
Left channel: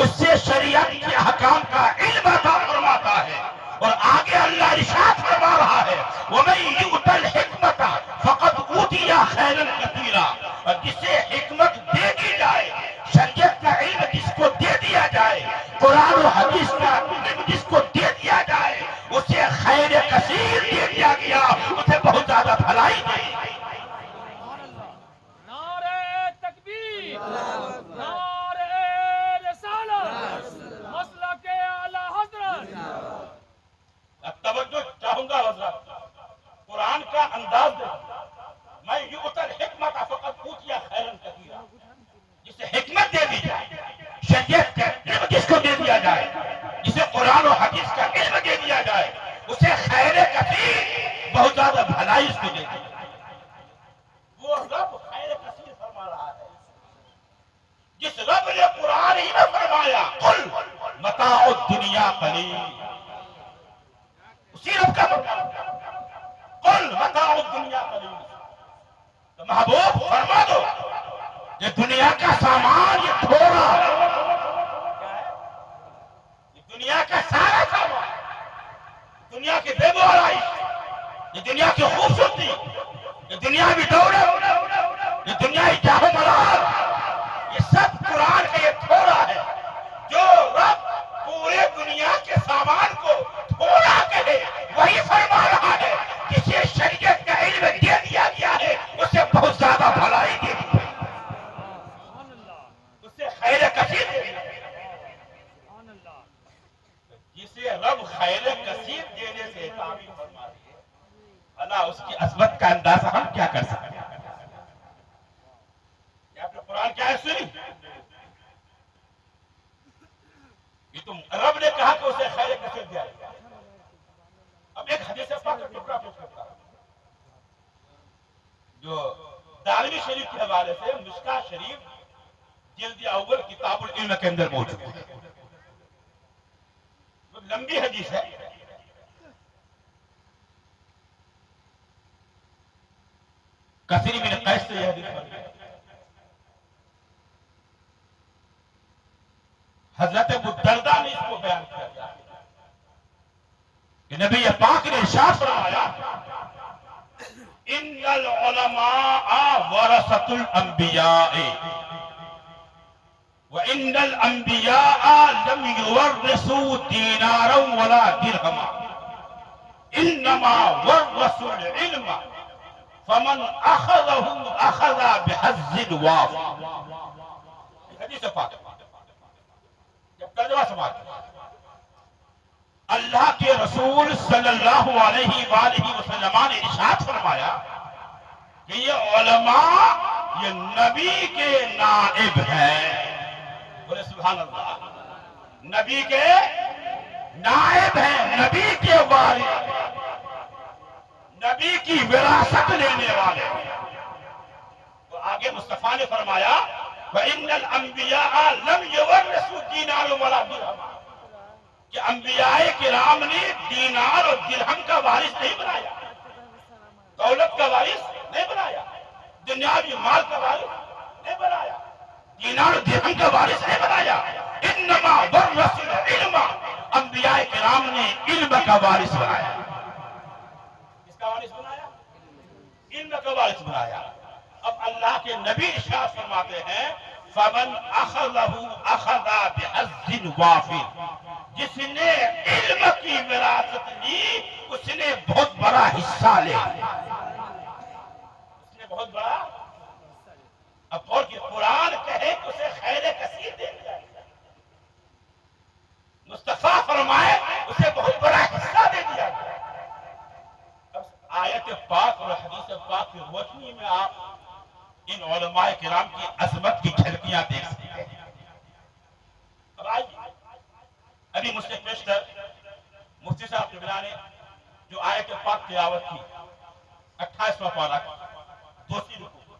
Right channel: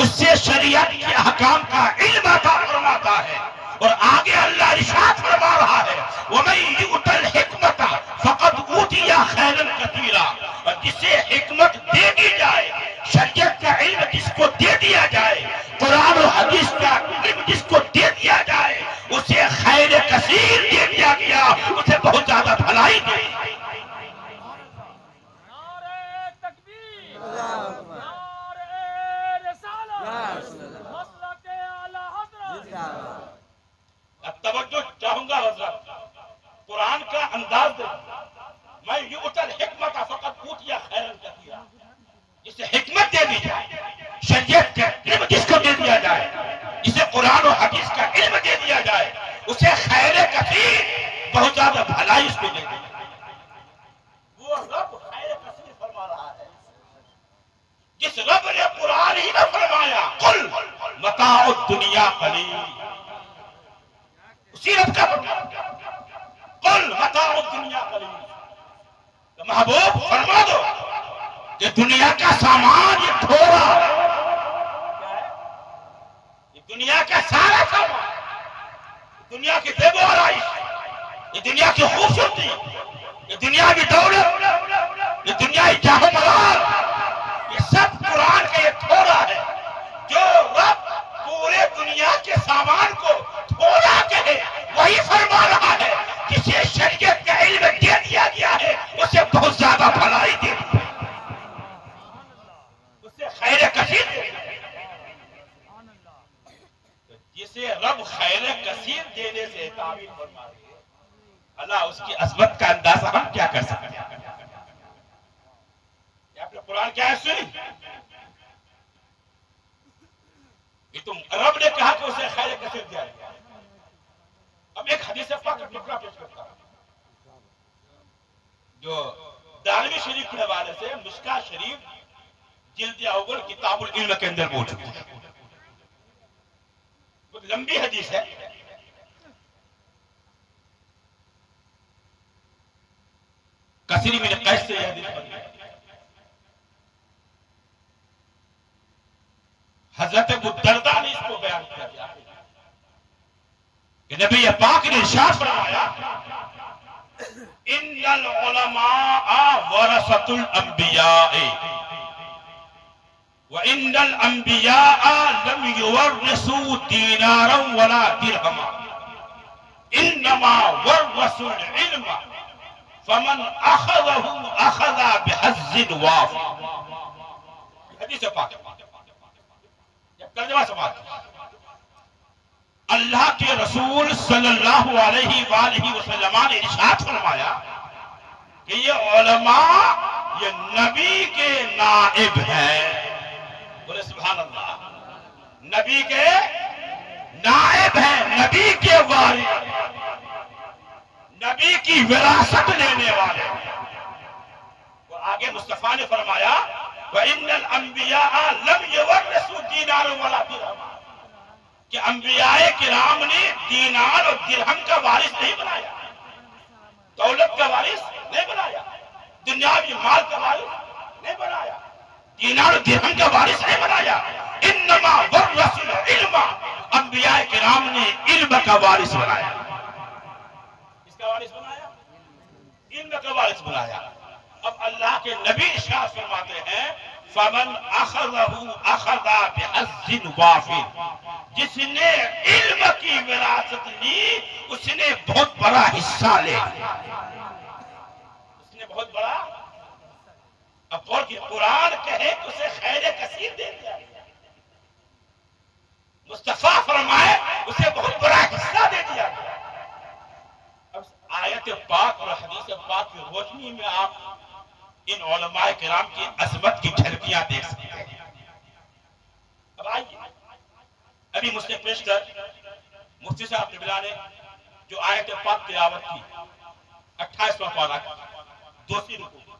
اس سے شریعت کے احکام کا علم عطا فرماتا ہے. اور آگے اللہ ارشاد فرما رہا ہے وَمَن يُؤْتَ الْحِكْمَةَ فَقَدْ أُوتِيَ خَيْرًا كَثِيرًا. اور جسے حکمت دے دی جائے، شریعت کا علم جس کو دے دیا جائے، قرآن و حدیث کا علم جس کو دے دیا جائے، اسے خیر کثیر دے دیا گیا، اسے بہت زیادہ بھلائی دے دی. اب توجہ چاہوں گا حضرت، قرآن کا انداز دیکھیں. میں یؤتی الحکمت فقد اوتی خیرا کثیرا. جسے حکمت دے دی جائے، شریعت کا علم جس کو دے دیا جائے، جسے قرآن و حدیث کا علم دے دیا جائے، اسے خیر کثیر، بہت زیادہ بھلائی اس کو دے دی جائے. وہ رب خیر کثیر فرما رہا ہے جس رب نے قرآن ہی میں فرمایا قل متاع الدنیا قلیل. اسی رب کا قل متاع الدنیا قلیل. تو محبوب فرما دو کہ دنیا کا سامان یہ تھوڑا ہے. یہ دنیا کا سارا سامان، دنیا کی زیب و آرائش، یہ دنیا کی خوبصورتی، یہ دنیا کی دولت، یہ دنیا کی جاہ و ملال، یہ سب قرآن کا یہ تھوڑا ہے. جو رب پورے دنیا کے سامان کو تھوڑا کہے وہی فرما رہا ہے کسی شریعت کا علم دے دیا گیا ہے اسے بہت زیادہ بھلائی دے دی، اسے خیر کثیر دے دی. جسے رب خیر کثیر دینے سے تعبیر فرما رہی ہے، اللہ اس کی عظمت کا اندازہ ہم کیا کر سکتے ہیں. آپ نے قرآن کیا ہے سنی؟ یہ تو رب نے کہا کہ اسے خیر کثیر دیا ہے. اب ایک حدیث پاک کا ٹکڑا پیش کرتا ہوں جو دارمی شریف کے حوالے سے مشکاہ شریف جلد اول کتاب العلم کے اندر موجود ہے. بہت لمبی حدیث ہے. کثیر بن قیس سے یہ حدیث پڑھی ہے. حضرت ابو الدرداء نے اس کو بیان کیا. کہ نبی پاک نے ارشاد فرمایا ان العلماء ورثۃ الانبیاء وان الانبیاء لم يورثوا دینارا ولا درہما انما ورثوا العلم فمن اخذه اخذ بحظ وافر. حدیث پاک ترجمہ سماعت. اللہ کے رسول صلی اللہ علیہ وآلہ وسلم نے ارشاد فرمایا کہ یہ علماء یہ نبی کے نائب ہیں. بولے سبحان اللہ. نبی کے نائب ہیں, نبی کے وارث, نبی کی وراثت لینے والے. وہ آگے مصطفیٰ نے فرمایا وَإِنَّ الْأَنْبِيَاءَ لَمْ يُوَرِّثُوا دِينَارًا وَلَا دِرْهَمًا, کہ انبیاء کرام نے دینار اور درہم کا وارث نہیں بنایا, دولت کا وارث نہیں بنایا, دنیاوی مال کا وارث نہیں بنایا, دینار اور درہم کا وارث نہیں بنایا. انما ورثوا العلم, انبیاء کرام نے علم کا وارث بنایا. کس کا وارث بنایا؟ علم کا وارث بنایا. اب اللہ کے نبی ارشاد فرماتے ہیں فمن اخذہ اخذ بحظ وافر, جس نے علم کی وراثت لی اس نے بہت بڑا حصہ لے لیا. اس نے بہت بڑا, اب اور کہ قرآن کہے تو اسے خیر کثیر دے دیا, مصطفیٰ فرمائے اسے بہت بڑا حصہ دے دیا. اب آیت پاک اور حدیث پاک کی روشنی میں آپ ان علماء کرام کی عظمت کی جھلکیاں دیکھ سکتے ہیں. اب آئیے ابھی مجھ سے پیش کر مفتی صاحب قبلہ نے جو آیت پاک تلاوت کی 28واں پارہ دوسری رکوع,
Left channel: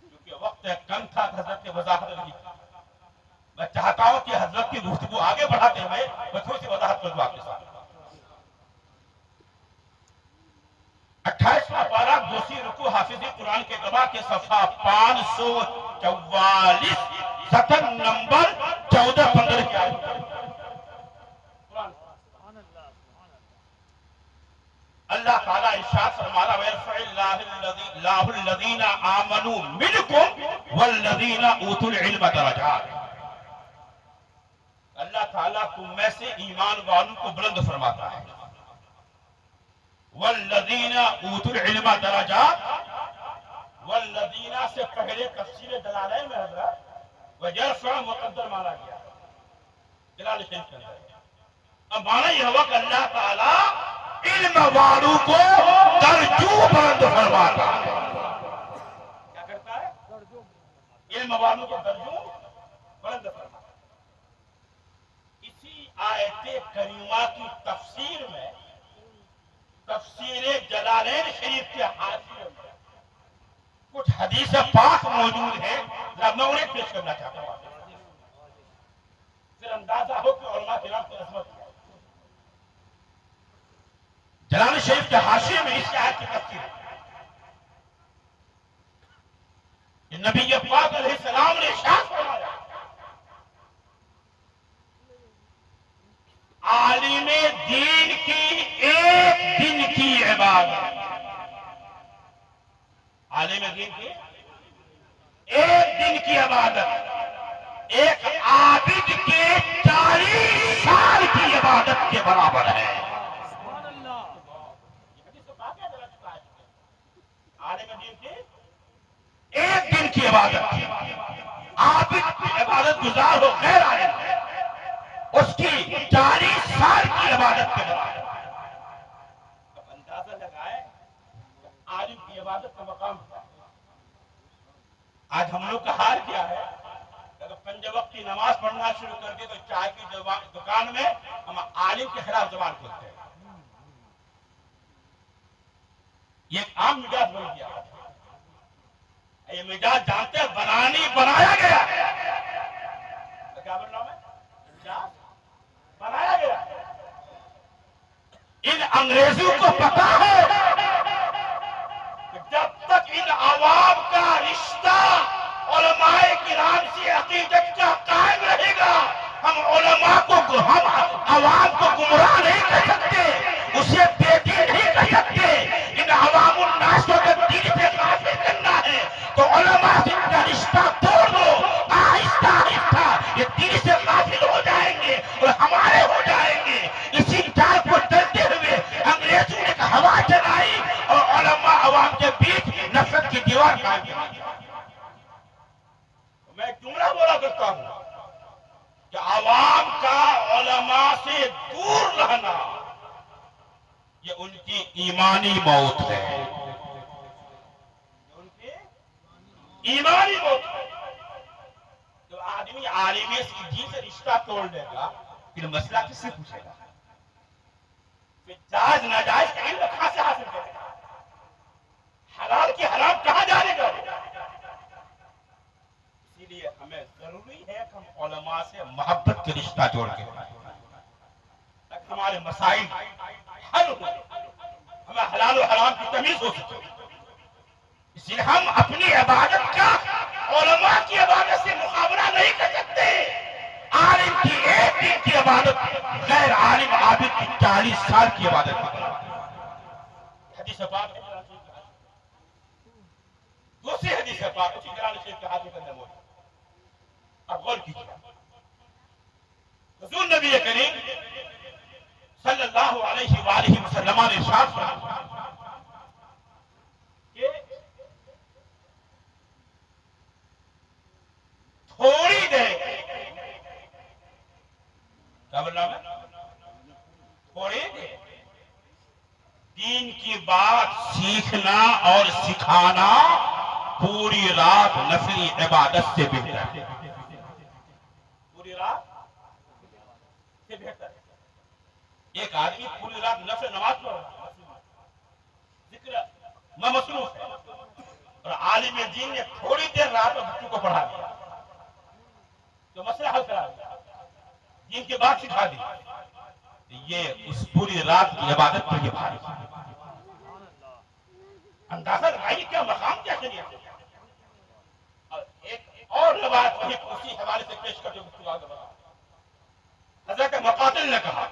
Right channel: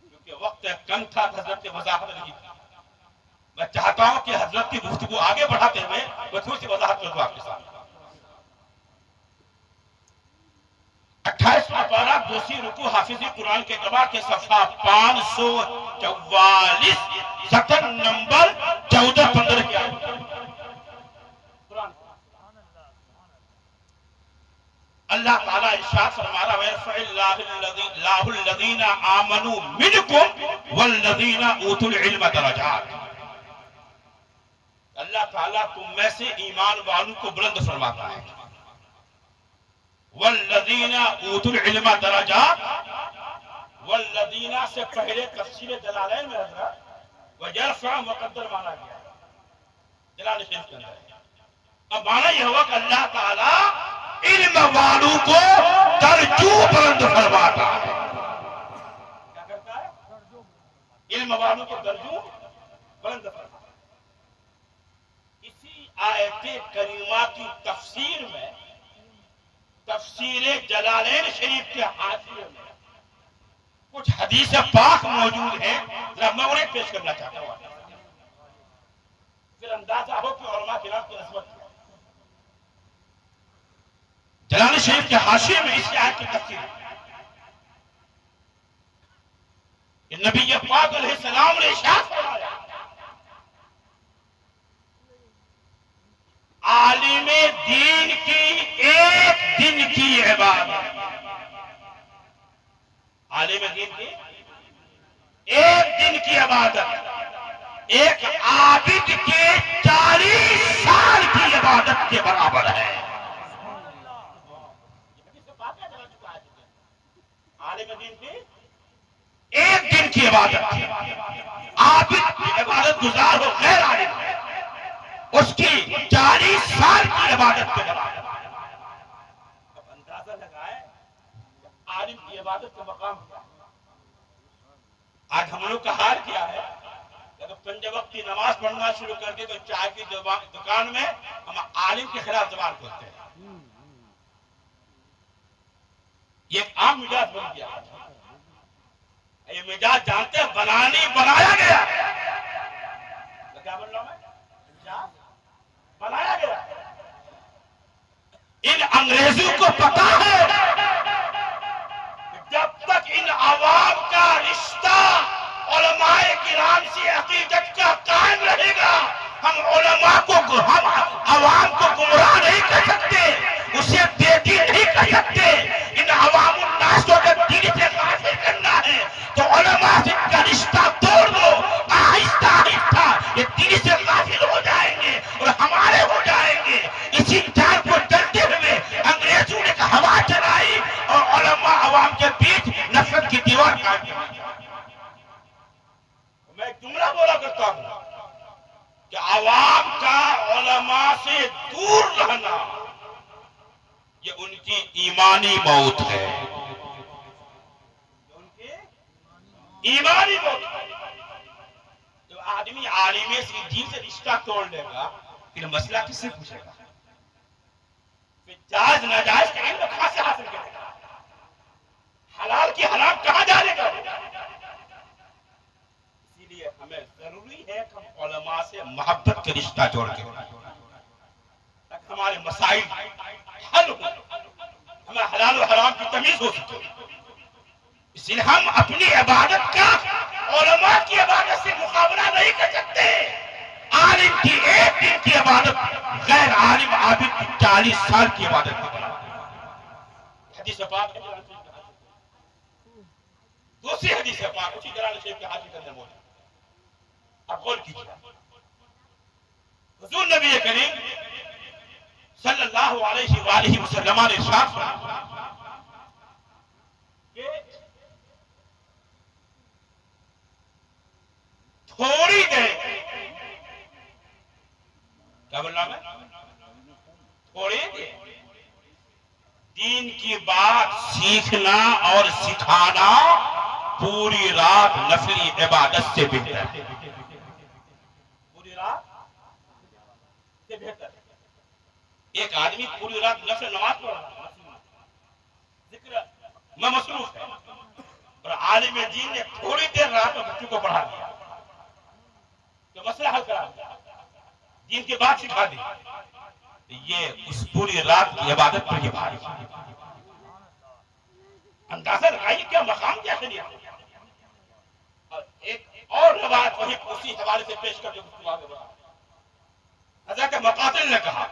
کیونکہ وقت کم تھا حضرت نے وضاحت نہیں کی. میں چاہتا ہوں کہ حضرت کی گفتگو آگے بڑھاتے ہوئے میں تھوڑی سی وضاحت کر دوں آپ کے ساتھ. 28واں پارہ دوسری رکوع حافظ قرآن کے کتاب کے صفحہ 544 سطر نمبر 14-15 کی آیت. اللہ تعالیٰ ارشاد فرما رہا ہے وَيَرْفَعِ اللَّهُ الَّذِينَ آمَنُوا مِنْكُمْ وَالَّذِينَ أُوتُوا الْعِلْمَ دَرَجَاتٍ. اللہ تعالیٰ تم میں سے ایمان والوں کو بلند فرماتا ہے. وَالَّذِينَ أُوتُوا الْعِلْمَ دَرَجَاتٍ, وَالَّذِينَ سے پہلے تفسیر جلالین میں حضرت وَيَرْفَعُ مقدر مانا گیا جلال شریف کے اندر. اب مانا یہ ہوا کہ اللہ تعالیٰ علم والوں کو درجو بلند فرماتا ہے. کیا کرتا ہے؟ علم والوں کو درجو بلند فرماتا ہے. اسی آیت کریمہ کی تفسیر میں تفسیر جلالین شریف کے حاشیے میں کچھ حدیث پاک موجود ہیں, میں انہیں پیش کرنا چاہتا ہوں. پھر اندازہ ہو کہ علماء کرام کی عظمت کیا. جلال شریف کے حاشیے میں اس آیت کی تفسیر ہے کہ نبی پاک علیہ السلام نے ارشاد فرمایا عالم دین کی ایک دن کی عبادت, عالم دین کی ایک دن کی عبادت ایک عابد کے 40 سال کی عبادت کے برابر ہے. عالم دین کی ایک دن کی عبادت, عابد کی عبادت گزار ہو غیر عالم اس کی 40 سال کی عبادت کے برابر. اب اندازہ لگائے عالم کی عبادت کا مقام کیا ہے. آج ہم لوگ کا حال کیا ہے, اگر 5 وقت کی نماز پڑھنا شروع کر دے تو چائے کی دکان میں ہم عالم کے خلاف زبان کھولتے ہیں. یہ ایک عام مزاج بن گیا. یہ مزاج جانتے ہیں بنایا گیا. کیا بن رہا ہوں میں؟ بنایا گیا. ان انگریزوں کو پتا ہے کہ جب تک ان عوام کا رشتہ علماء کرام سے عقیدت کا قائم رہے گا, ہم علماء کو ہم عوام کو گمراہ نہیں کر سکتے. ایمانی موت ہے، جو ان کی ایمانی موت ہے۔ تو آدمی عالم سے دین سے رشتہ توڑ لے گا، پھر مسئلہ کس سے پوچھے گا؟ پھر جائز ناجائز کا علم کہاں سے حاصل کرے گا؟ حلال کی حرام کہاں جانے گا؟ اسی لیے ہمیں ضروری ہے کہ ہم علماء سے محبت کے رشتہ جوڑ کے تاکہ ہمارے مسائل حل ہو، ہمیں حلال و حرام کی تمیز ہو سکے۔ اس لیے ہم اپنی عبادت کا علماء کی عبادت سے مقابلہ نہیں کر سکتے۔ عالم کی ایک دن کی عبادت غیر عالم عابد کی 40 سال کی عبادت کی طرح۔ حدیث پاک ہے قرآن شریف کے حوالے سے۔ دوسری حدیث پاک اسی قرآن شریف کے حوالے کرنے موجود۔ اب غور کیجیے، حضور نبی کریم صلی اللہ علیہ وآلہ وسلم نے ارشاد فرمایا کہ تھوڑی دیر، کیا بول رہا میں؟ تھوڑی دیر دین کی بات سیکھنا اور سکھانا پوری رات نفلی عبادت سے بہتر ہے۔ پوری رات سے بہتر ہے۔ ایک آدمی پوری رات نفل نماز پڑھ رہا ہے، ذکر میں مصروف ہے، اور عالم دین نے تھوڑی دیر رات میں بچوں کو پڑھا دیا تو مسئلہ حل کرا دیا، دین کی بات سکھا دی، یہ اس پوری رات کی عبادت پر یہ بھاری اندازہ لگائیے کیا مقام کیا شریعت۔ اور ایک اور روایت وہی اسی حوالے سے پیش کر کے گفتگو آگے بڑھا۔ حضرت مقاتل نے کہا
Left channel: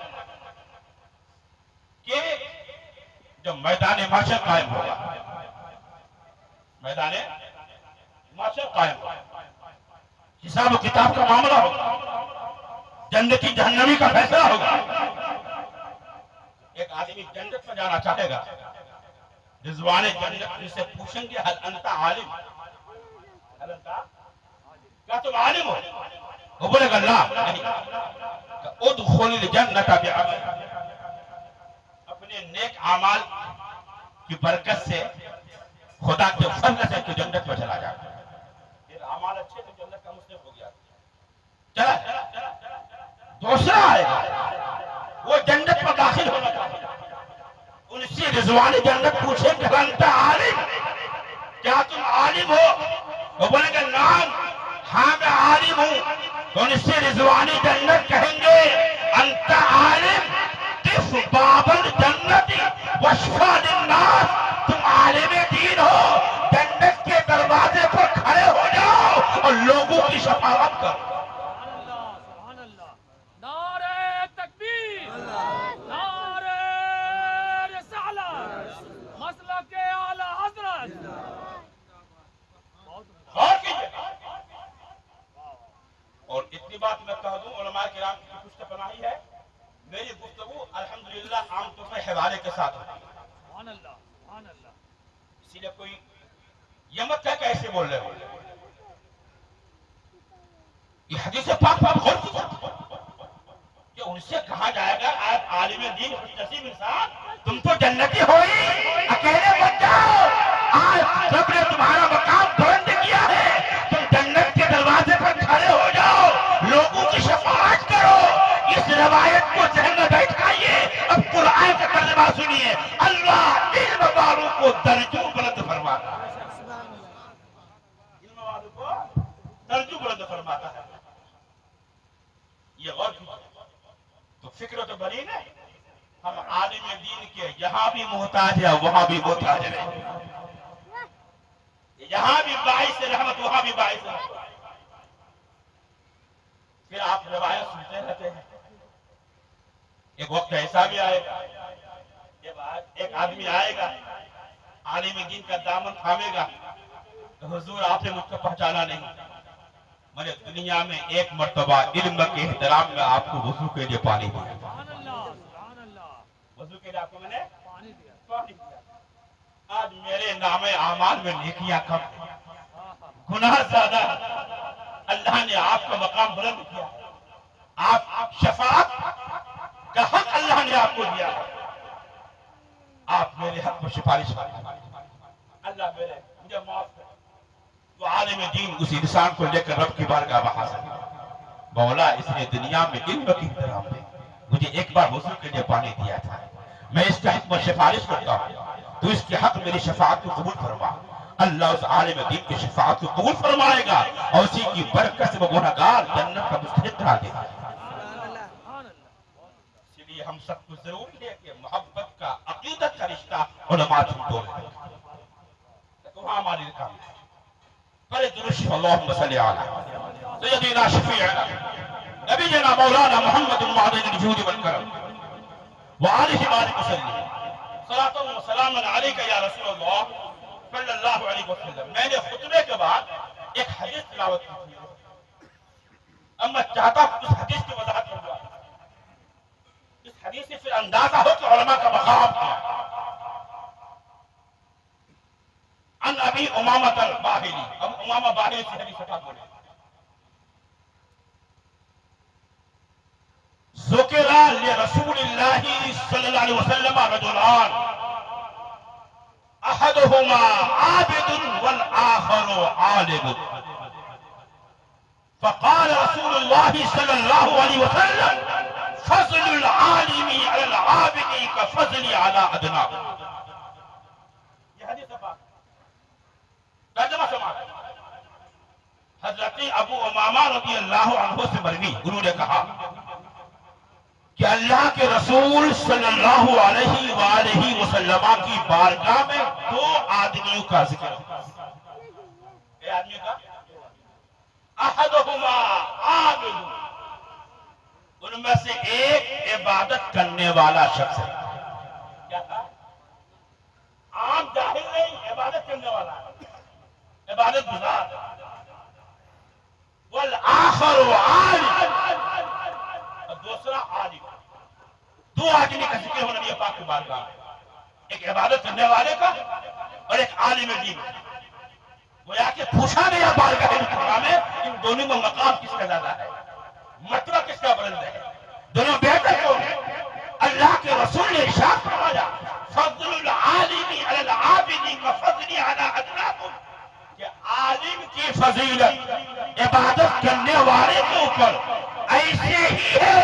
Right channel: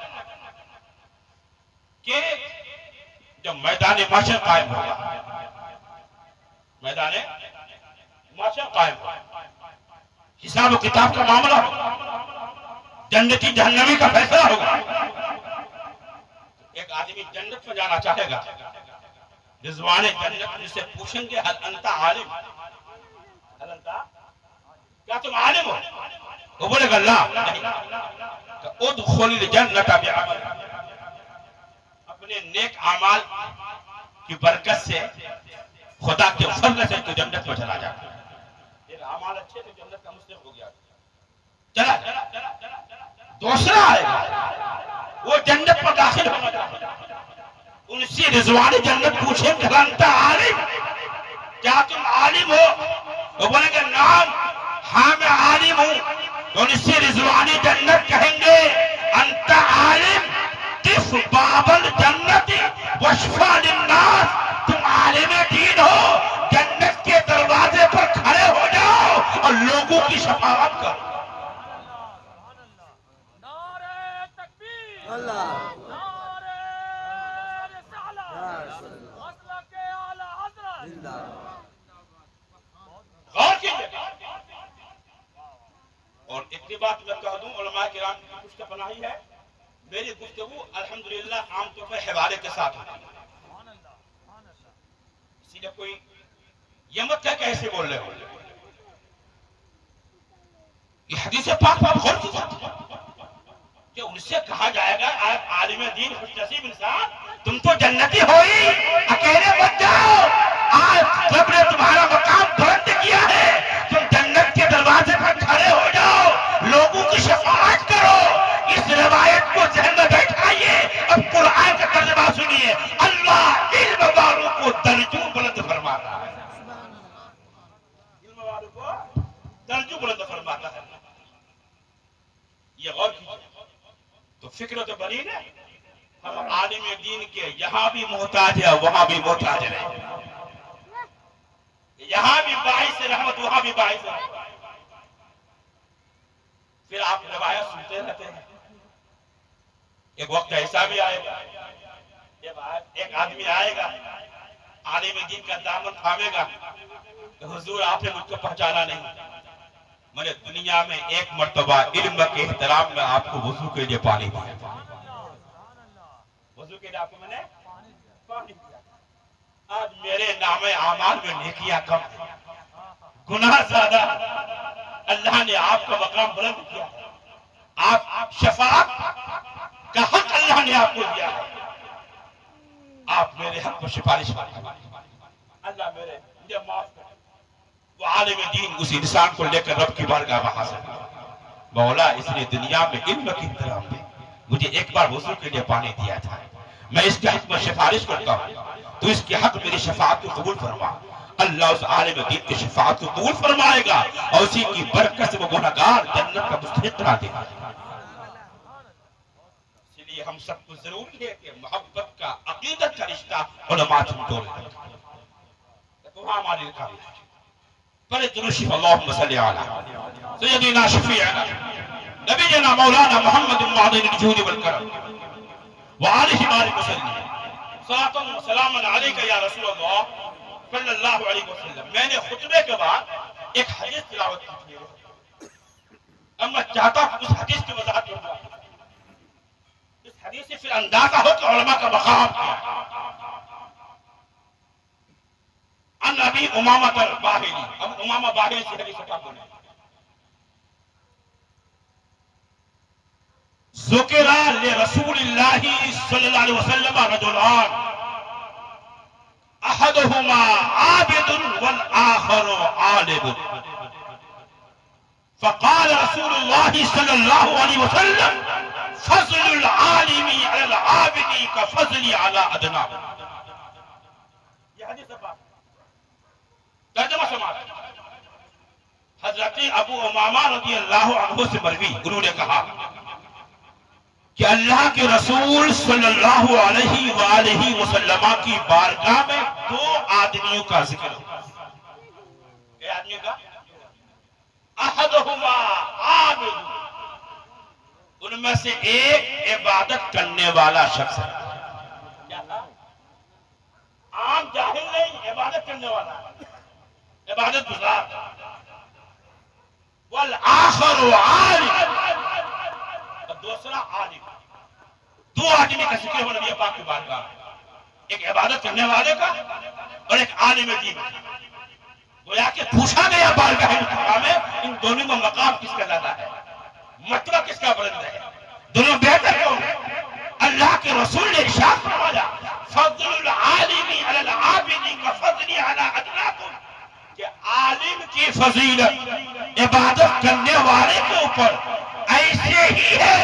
کہ جب میدان معاشر قائم ہوگا، میدان معاشر قائم ہوگا، حساب و کتاب کا معاملہ ہوگا، جنتی جہنمی کا فیصلہ ہوگا، ایک آدمی جنت میں جانا چاہے گا، رضوان جنت ان سے پوچھیں گے حل انت عالم، حل انت، کیا تم عالم ہو؟ وہ بولے گا لا نہیں، ادخل الجنت بعمل، اپنے نیک اعمال کی برکت سے خدا کے فضل سے تو جنت میں چلا جاتا ہے۔ یہ اعمال اچھے تو جنت کا مستحق ہو گیا، چلا دوسرا آئے گا، وہ جنت میں داخل ہونا چاہتا ہے، ان سے رضوان جنت پوچھیں کہ انت عالم، کیا تم عالم ہو؟ وہ بولے گا نام، ہاں میں عالم ہوں، تو ان سے رضوان جنت کہیں گے انت عالم تف باب الجنت واشفع للناس، تم عالم دین ہو، جنت کے دروازے پر کھڑے ہو جاؤ اور لوگوں کی شفاعت کرو۔ نعرہ تکبیر، نعرہ رسالت، مسلک اعلی حضرت۔ غور کیجئے، اور اتنی بات میں کہہ دوں، علماء کرام کی پشت پناہی ہے، میری گفتگو الحمدللہ عام طور پر حوالے کے ساتھ ہوتی ہے، اسی لیے کوئی یہ مت ہے کہ ایسے بول رہے ہو۔ یہ حدیث پاک پر غور کیجئے کہ ان سے کہا جائے گا آپ عالم دین خوش نصیب انسان، تم تو جنتی ہوئی، اکیلے مت جاؤ، آج رب نے تمہارا مقام بلند کیا ہے، تم جنت کے دروازے پر کھڑے ہو جاؤ، لوگوں کی شفاعت کرو۔ اس روایت کو ذہن میں بیٹھائیے، اب قرآن کا ترجمہ سنیے، اللہ علم والوں کو درجوں بلند فرماتا ہے، علم والوں کو درجوں بلند فرماتا ہے۔ یہ غور کیجئے، تو فکر تو بنی نا، ہم عالم دین کے یہاں بھی محتاج ہے وہاں بھی محتاج ہے، یہاں بھی باعث رحمت وہاں بھی باعث رحمت۔ پھر آپ روایت سنتے رہتے ہیں، ایک وقت ایسا بھی آئے گا، ایک آدمی آئے گا، عالم دین کا دامن تھامے گا، حضور آپ نے مجھ کو پہچانا نہیں، میں نے دنیا میں ایک مرتبہ علم کے احترام میں آپ کو وضو کے لیے پانی دیا، وضو کے لیے آپ کو میں نے پانی دیا، آج میرے نام اعمال میں نیکیاں کم ہیں، گناہ زیادہ، اللہ نے آپ کا مقام بلند کیا، آپ شفاعت کا حق اللہ نے آپ کو دیا، آپ میرے حق میں سفارش کریں، اللہ مجھے معاف کرے۔ وہ عالم دین اس انسان کو لے کر رب کی بارگاہ میں حاضر ہوا۔ مولا اس نے دنیا میں علم کی احترام میں مجھے ایک بار وضو کے لیے پانی دیا تھا، میں اس کے حق میں سفارش کرتا ہوں، تو اس کے حق میری شفاعت کو قبول فرما۔ اللہ اس عالم دین کی شفاعت کو قبول فرمائے گا اور اسی کی برکت سے وہ گنہگار جنت کا مستحق قرار دے گا۔ اس لیے ہم سب کو ضروری ہے کہ محبت کا، عقیدت کا رشتہ علماء سے جوڑ رکھیں۔ وہاں ہماری رکھاوی بڑے درشف اللہم صلی علی سیدنا شفیعنا نبینا مولانا محمد معدن الجود والکرم وآلہ بارک وسلم صلاۃ و سلام علیک یا رسول اللہ صلی اللہ علیہ وسلم۔ میں نے خطبے کے بعد ایک حدیث تلاوت کی تھی، اب میں چاہتا ہوں اس حدیث کی وضاحت کروں۔ اس حدیث سے پھر اندازہ ہو کہ علماء کا مقام کیا۔ عن ابی امامۃ الباہلی، اب امامہ باہلی سے حدیث اٹھا بولے، ذکر لرسول اللہ صلی اللہ علیہ وسلم رجلان احدہما عابد والآخر عالم، فقال رسول اللہ صلی اللہ علیہ وسلم فضل العالم علی العابد کفضلی علی ادنیٰ۔ یہ حدیث پاک ترجمہ سماعت۔ حضرت ابو امامہ رضی اللہ عنہ سے مروی، انہوں نے کہا کہ اللہ کے رسول صلی اللہ علیہ وآلہ وسلم کی بارگاہ میں دو آدمیوں کا ذکر ہے۔ اے آدمی کا احدہما عابد، ان میں سے ایک عبادت کرنے والا شخص ہے۔ کیا تھا؟ عام جاہل نہیں، عبادت کرنے والا، عبادت گزار۔ والآخر عالم، دوسرا عالم۔ دو آدمی کا ذکر ہو نبی پاک کی بارگاہ میں، ایک عبادت کرنے والے کا اور ایک عالم دین۔ گویا کہ پوچھا گیا بارگاہ مطلقہ میں ان دونوں میں مقام کس کا زیادہ ہے، مرتبہ کس کا بلند ہے، دونوں بہتر کون ہے؟ اللہ کے رسول نے ارشاد فرمایا فضل العالم علی العابد کفضلی علی ادناکم، کہ عالم کی فضیلت عبادت کرنے والے کے اوپر ایسے ہی ہے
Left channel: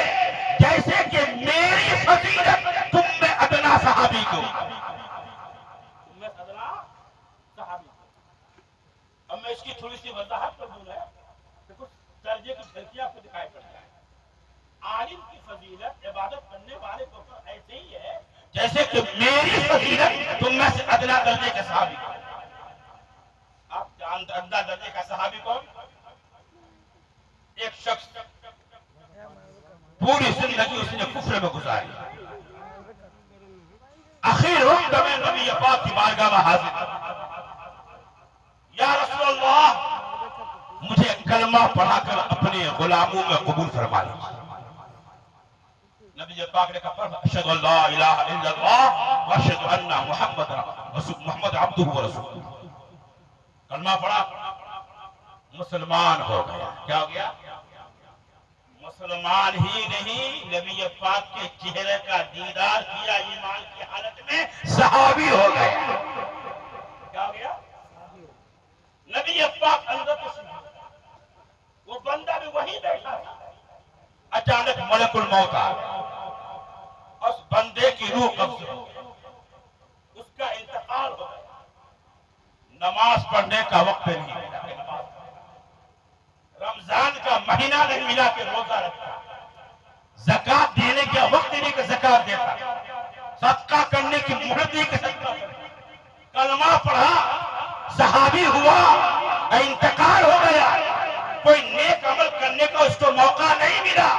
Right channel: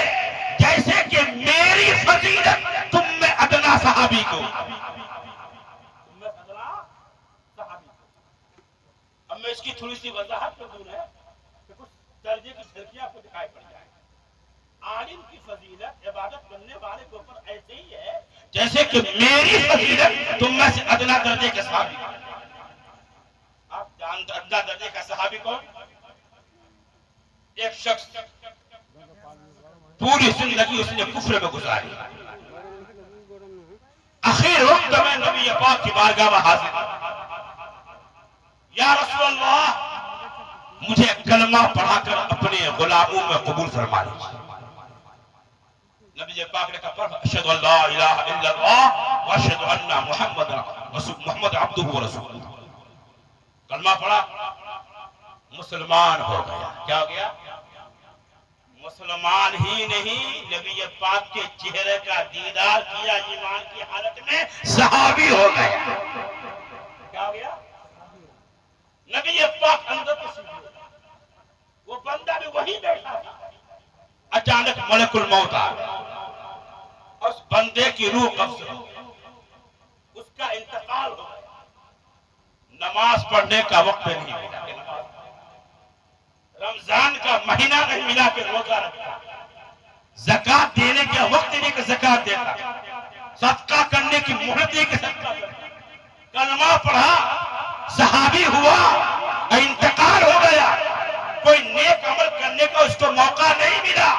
جیسے کہ میری فضیلت تم میں ادنا صحابی کو۔ اب میں اس کی تھوڑی سی وضاحت کر دوں کہ کچھ درجے کی جھلکیاں آپ کو دکھائی پڑ جائے۔ عالم کی فضیلت عبادت کرنے والے کے اوپر ایسے ہی ہے جیسے کہ میری فضیلت تم میں سے ادنا درجے کے صحابی کو۔ آپ جانتے ادنا درجے کا صحابی کون؟ ایک شخص پوری زندگی اس نے کفر میں گزاری، اخیر وقت میں نبی پاک کی بارگاہ میں حاضر، یا رسول اللہ مجھے کلمہ پڑھا کر اپنے غلاموں میں قبول فرما لیجیے۔ نبی پاک نے کہا اشہد ان لا الہ الا اللہ واشہد ان محمد عبدہ ورسولہ۔ کلمہ پڑھا، مسلمان ہو گیا۔ کیا ہو گیا؟ مسلمان ہی نہیں، نبی پاک کے چہرے کا دیدار کیا ایمان کی حالت میں صحابی ہو گیا۔ کیا ہو گیا؟ نبی پاک اندر تشریف لے، وہ بندہ بھی وہی بیٹھا تھا، اچانک ملک الموت آ گیا، اس بندے کی روح قبض ہو گئی، اس کا انتقال ہو گیا۔ نماز پڑھنے کا وقت نہیں ملا، رمضان کا مہینہ نہیں ملا کہ روزہ رکھتا، زکوٰۃ دینے کا وقت نہیں کہ زکوٰۃ دیتا، صدقہ کرنے کی مہلت نہیں کہ صدقہ کرتا، کلمہ پڑھا، صحابی ہوا، انتقال ہو گیا، کوئی نیک عمل کرنے کا اس کو موقع نہیں ملا،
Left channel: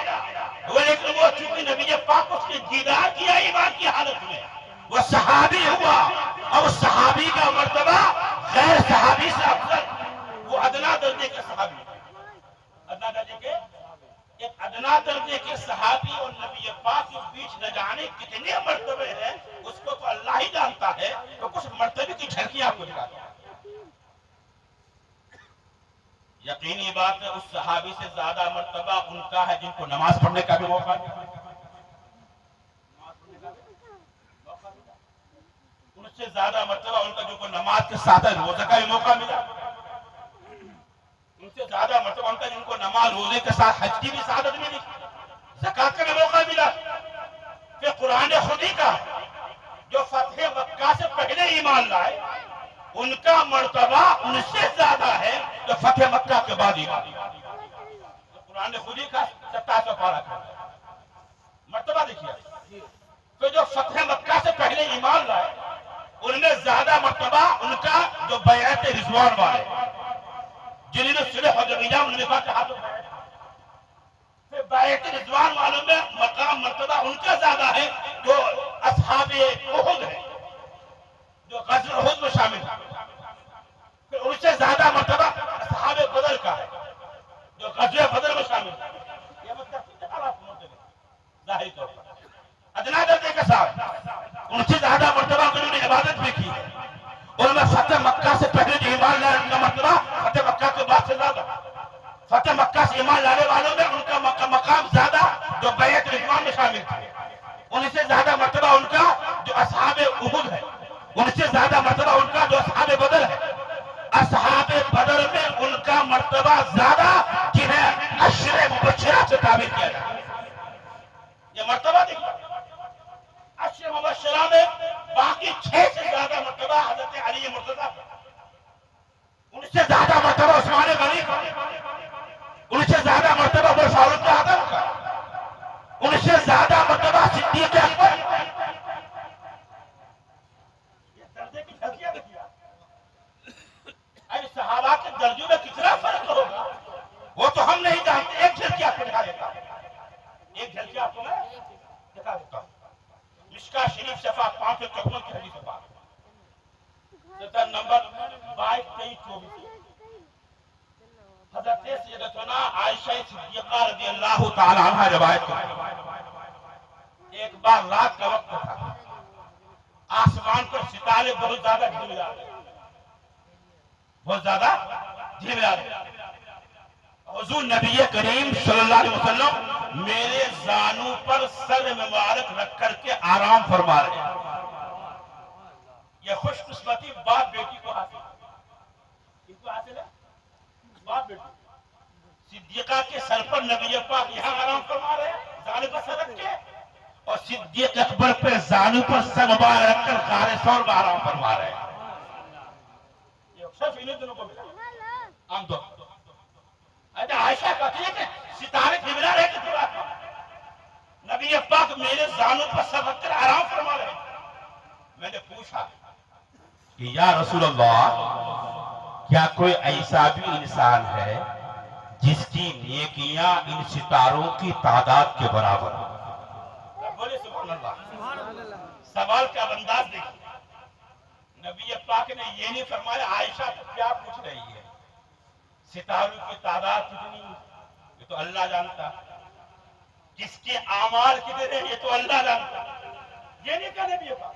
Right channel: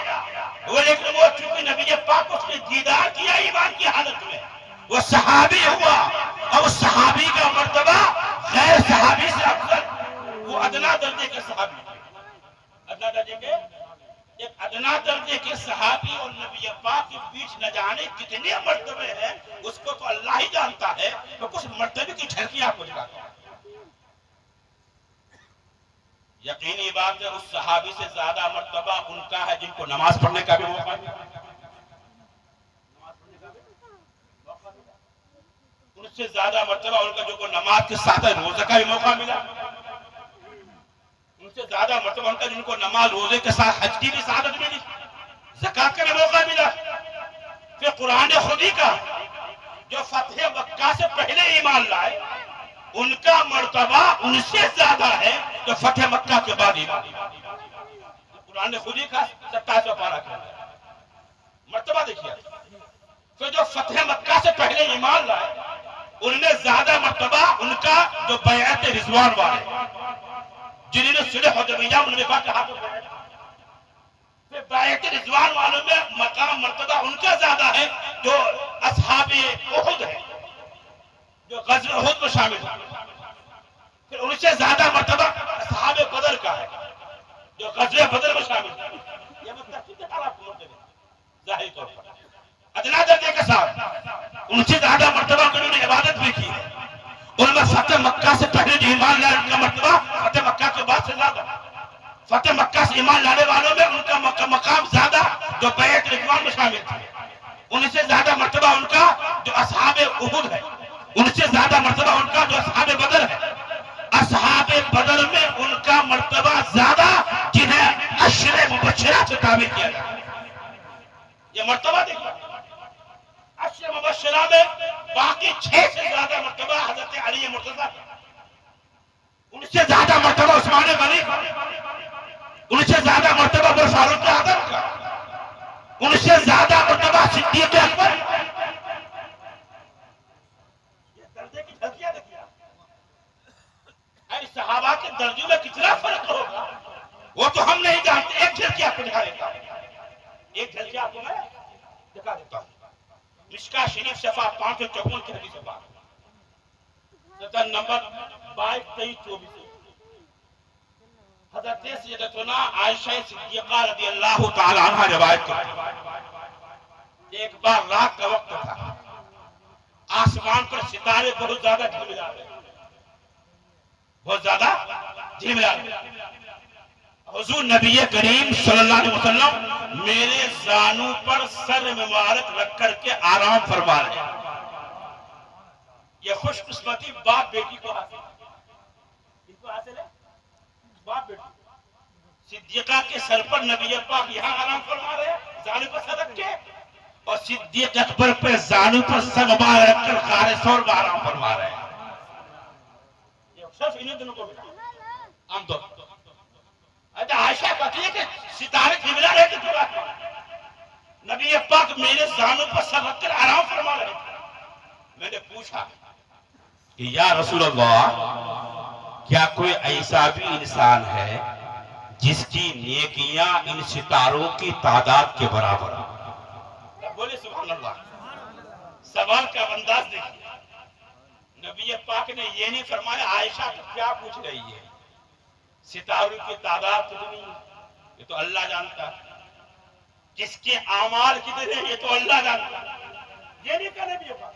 لیکن وہ چونکہ نبی پاک اس نے دیدار کیا ایمان کی حالت میں، وہ صحابی ہوا، اور اس صحابی کا مرتبہ غیر صحابی سے افضل، وہ ادنا درجے کے صحابی، ادنا درجے کے ایک ادنا درجے کے صحابی اور نبی پاک کے بیچ نہ جانے کتنے مرتبے ہیں اس کو تو اللہ ہی جانتا ہے، تو کچھ مرتبے کی جھلکیاں آپ کو دکھاتا ہے۔ یقینی بات ہے اس صحابی سے زیادہ مرتبہ ان کا ہے جن کو نماز پڑھنے کا بھی موقع ملا۔ اس سے زیادہ مرتبہ ان کا جو کو نماز کے ساتھ روزہ کا بھی موقع ملا، ان سے زیادہ مرتبہ ان کا جن کو نماز روزے کے ساتھ حج کی بھی سعادت ملی، زکات کا بھی موقع ملا۔ پھر قرآن خودی کا جو فتح مکہ سے پہلے ایمان لائے ان کا مرتبہ ان سے زیادہ ہے جو فتح مکہ کے بعد ایمان لائے۔ قرآن خودی کا 27واں پارہ کا مرتبہ دیکھیے، تو جو فتح مکہ سے پہلے ایمان لائے ان میں زیادہ مرتبہ ان کا جو بیعت رضوان والے جنہوں نے صلح حدیبیہ ان میں کہا پھر بیعت رضوان والوں میں مقام مرتبہ ان کا زیادہ ہے جو اصحاب احد ہے، جو غزوہ احد میں شامل ہے۔ پھر ان سے زیادہ مرتبہ اصحاب بدر کا ہے جو غزوہ بدر میں شامل ہے۔ یہ متفق ہے ظاہری طور پر ادنا درجے کے ساتھ ان سے زیادہ مرتبہ انہوں نے عبادت بھی کی ہے۔ ان میں فتح مکہ سے پہلے جو ایمان لانے ان کا مرتبہ فتح مکہ کے بعد سے زیادہ، فتح مکہ سے ایمان لانے والوں میں ان کا مقام زیادہ جو بیعت رضوان میں شامل تھے۔ ان سے زیادہ مرتبہ ان کا جو اصحاب احد ہے، ان سے زیادہ مرتبہ ان کا جو اصحاب بدر ہے۔ اصحاب بدر میں ان کا مرتبہ زیادہ جنہیں عشر مبشرہ سے تعبیر کیا جاتا ہے۔ یہ مرتبہ دیکھیں، عشر مبشرہ میں باقی 6 سے زیادہ مرتبہ حضرت علی مرتضیٰ کا، ان سے زیادہ مرتبہ عثمان غنی کا، ان سے زیادہ مرتبہ عمر فاروق اعظم کا، ان سے زیادہ مرتبہ صدیق اکبر۔ یہ درجے کی جھلکیاں دیکھیے، اے صحابہ کے درجوں میں کتنا فرق ہوگا وہ تو ہم نہیں جانتے۔ ایک جھلکی آپ کو دکھا دیتا ہوں، ایک جھلکی آپ کو میں دکھا دیتا ہوں۔ مشکا شریف صفحہ 554 کی حدیث پاک، سطر نمبر 22 23 24، حضرت سیدتنا عائشہ صدیقہ رضی اللہ تعالی عنہ روایت کرتے ہیں، ایک بار رات کا وقت تھا، آسمان پر ستارے بہت زیادہ جھلملا رہے، بہت زیادہ جھلملا رہے۔ حضور نبی کریم صلی اللہ علیہ وسلم میرے زانوں پر سر مبارک رکھ کر کے آرام فرما رہے ہیں۔ یہ خوش قسمتی باپ بیٹی کو حاصل ہے، ان کو حاصل ہے باپ بیٹی۔ صدیقہ کے سر پر نبی پاک یہاں آرام فرما رہے ہیں زانوں پر سر رکھ کے، اور صدیق اکبر پہ زانوں پر سر مبارک رکھ کر غار ثور میں آرام فرما رہے ہیں۔ یہ صرف انہیں دونوں کو ملا عام طور پر۔ عائشہ کہتی ہے کہ ستارے جھلملا رہے تھے، نبی پاک میرے زانوں پر سر رکھ کر آرام فرما رہے تھے۔ میں نے پوچھا کہ یا رسول اللہ، کیا کوئی ایسا بھی انسان ہے جس کی نیکیاں ان ستاروں کی تعداد کے برابر ہوں؟ بولے سبحان اللہ۔ سوال کا انداز دیکھیے، نبی پاک نے یہ نہیں فرمایا عائشہ تو کیا پوچھ رہی ہے، ستاروں کی تعداد کتنی یہ تو اللہ جانتا ہے، جس کے اعمال کتنے یہ تو اللہ جانتا ہے، یہ نہیں کہا نبی پاک۔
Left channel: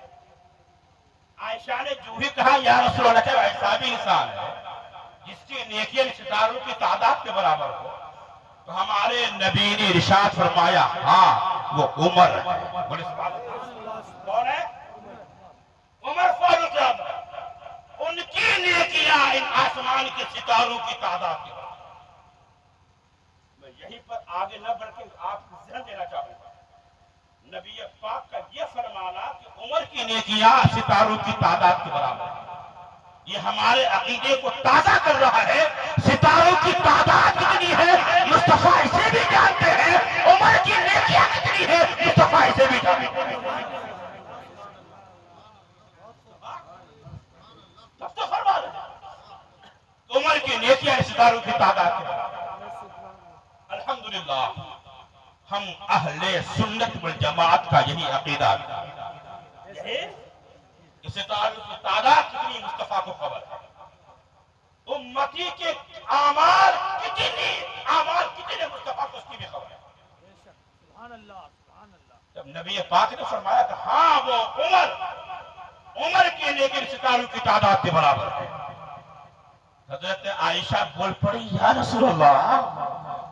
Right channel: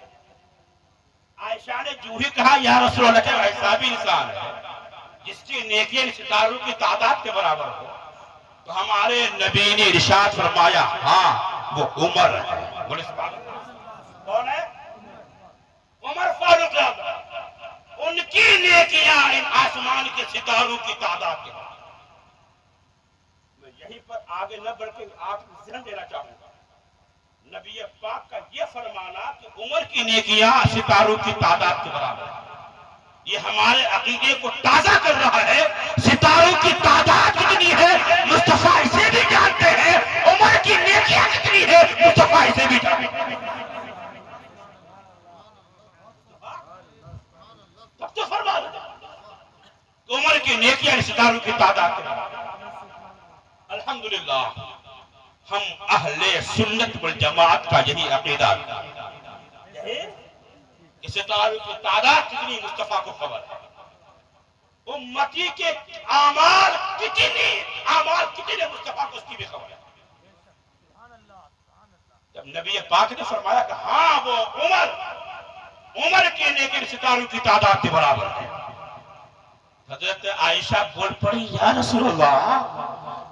عائشہ نے جو ہی کہا یا رسول اللہ، کہ ایسا بھی انسان ہے جس کی نیکیاں ستاروں کی تعداد کے برابر ہو، تو ہمارے نبی نے ارشاد فرمایا ہاں وہ عمر ہے۔ بولے کون ہے؟ عمر فاروق اعظم۔ ان کی نیکیاں ان آسمان کے ستاروں کی تعداد کے برابر۔ میں یہیں پر آگے نہ بڑھ کے آپ کو ذہن دینا چاہوں گا، نبی پاک کا یہ فرمانا کہ عمر کی نیکیاں ستاروں کی تعداد کے برابر ہے، یہ ہمارے عقیدے کو تازہ کر رہا ہے۔ ستاروں کی تعداد کتنی ہے مصطفیٰ اسے بھی جانتے ہیں، عمر کی نیکیاں کتنی ہے مصطفیٰ اسے بھی جانتے ہیں۔ تب تو فرما رہے ہیں عمر کی نیکیاں ستاروں کی تعداد کے برابر۔ الحمدللہ ہم اہل سنت والجماعت کا یہی عقیدہ ہے کہ ستاروں کی تعداد کتنی مصطفیٰ کو خبر ہے، امتی کے اعمال کتنے مصطفیٰ کو اس کی بھی خبر ہے۔ جب نبی پاک نے فرمایا کہ ہاں وہ عمر کی نیکی ستاروں کی تعداد کے برابر ہے، حضرت عائشہ بول پڑی یا رسول اللہ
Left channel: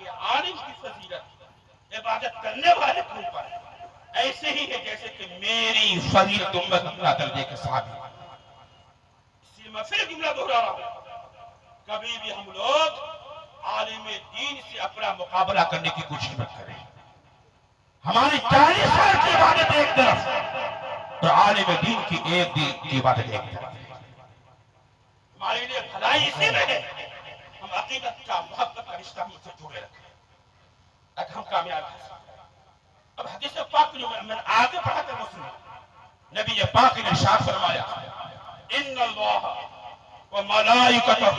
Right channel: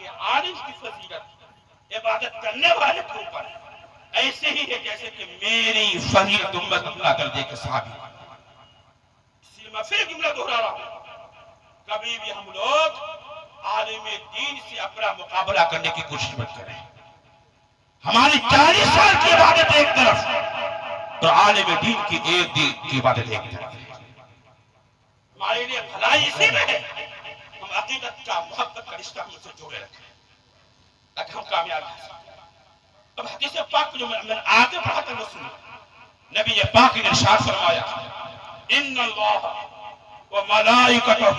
کہ عالم کی فضیلت عبادت کرنے والے کے اوپر ایسے ہی ہے جیسے کہ میری فضیلت امت اللہ درجے کے صحابی. اس لیے میں پھر جملہ دہرا رہا ہوں، کبھی بھی ہم لوگ عالم دین سے اپنا مقابلہ کرنے کی کوشش مت کریں. ہماری 40 سال کی عبادت ایک طرف اور عالم دین کی ایک دین کی عبادت ایک طرف ہے. ہمارے لیے بھلائی اسی میں ہے ہم عقیدت کا محبت کا رشتہ ہم سے جوڑے رکھیں، اگر ہم کامیاب ہیں. اب حدیث پاک جو میں آگے پڑھا کر وہ سنو. نبی پاک نے ارشاد فرمایا ان اللہ و ملائکتہ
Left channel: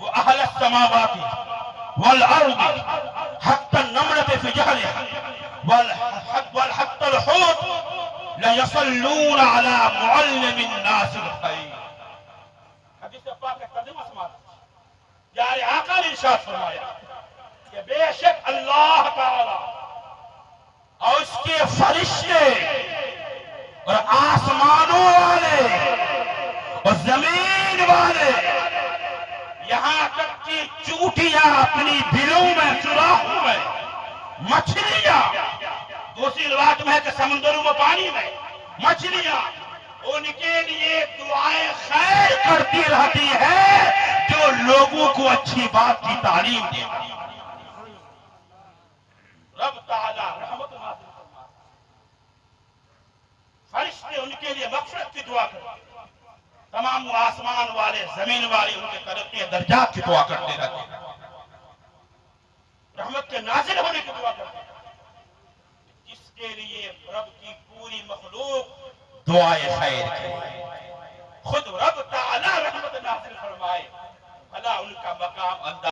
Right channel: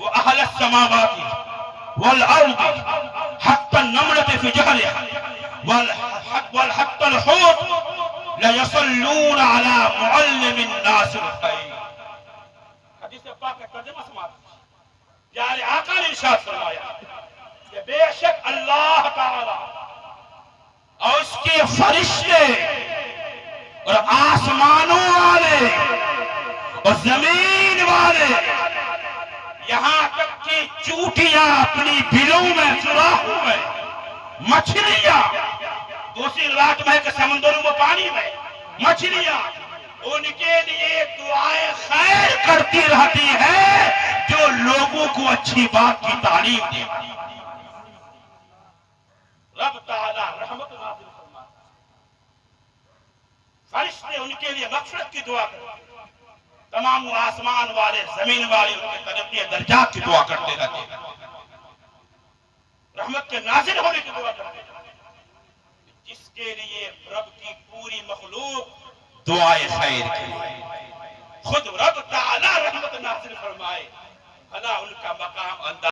و اہل السماوات والارض حتى النملة في جهلها والحتى الحوت لا يصلون على معلم الناس الخير. حدیث پاک کا ترجمہ سماعت. پیارے آقا نے ارشاد فرمایا کہ بے شک اللہ تعالی اور اس کے فرشتے اور آسمانوں والے اور زمین والے یہاں تک کہ چوٹیاں اپنی بلوں میں سوراخوں میں مچھلیاں دوسری روایت میں ہے کہ سمندروں میں پانی میں مچھلیاں ان کے لیے دعائیں خیر کرتی رہتی ہے جو لوگوں کو اچھی بات کی تعلیم دے. رب تعالی رحمت نازل فرما، فرشتے ان کے لیے مغفرت کی دعا کرتے، تمام آسمان والے زمین والے ان کے ترقی درجات کی دعا کرتے رہتے، رحمت کے نازل ہونے کی دعا کرتے، جس کے لیے رب کی پوری مخلوق دعائے خیر کرے. خود رب تعالی رحمت نازل فرمائے، بھلا ان کا مقام انداز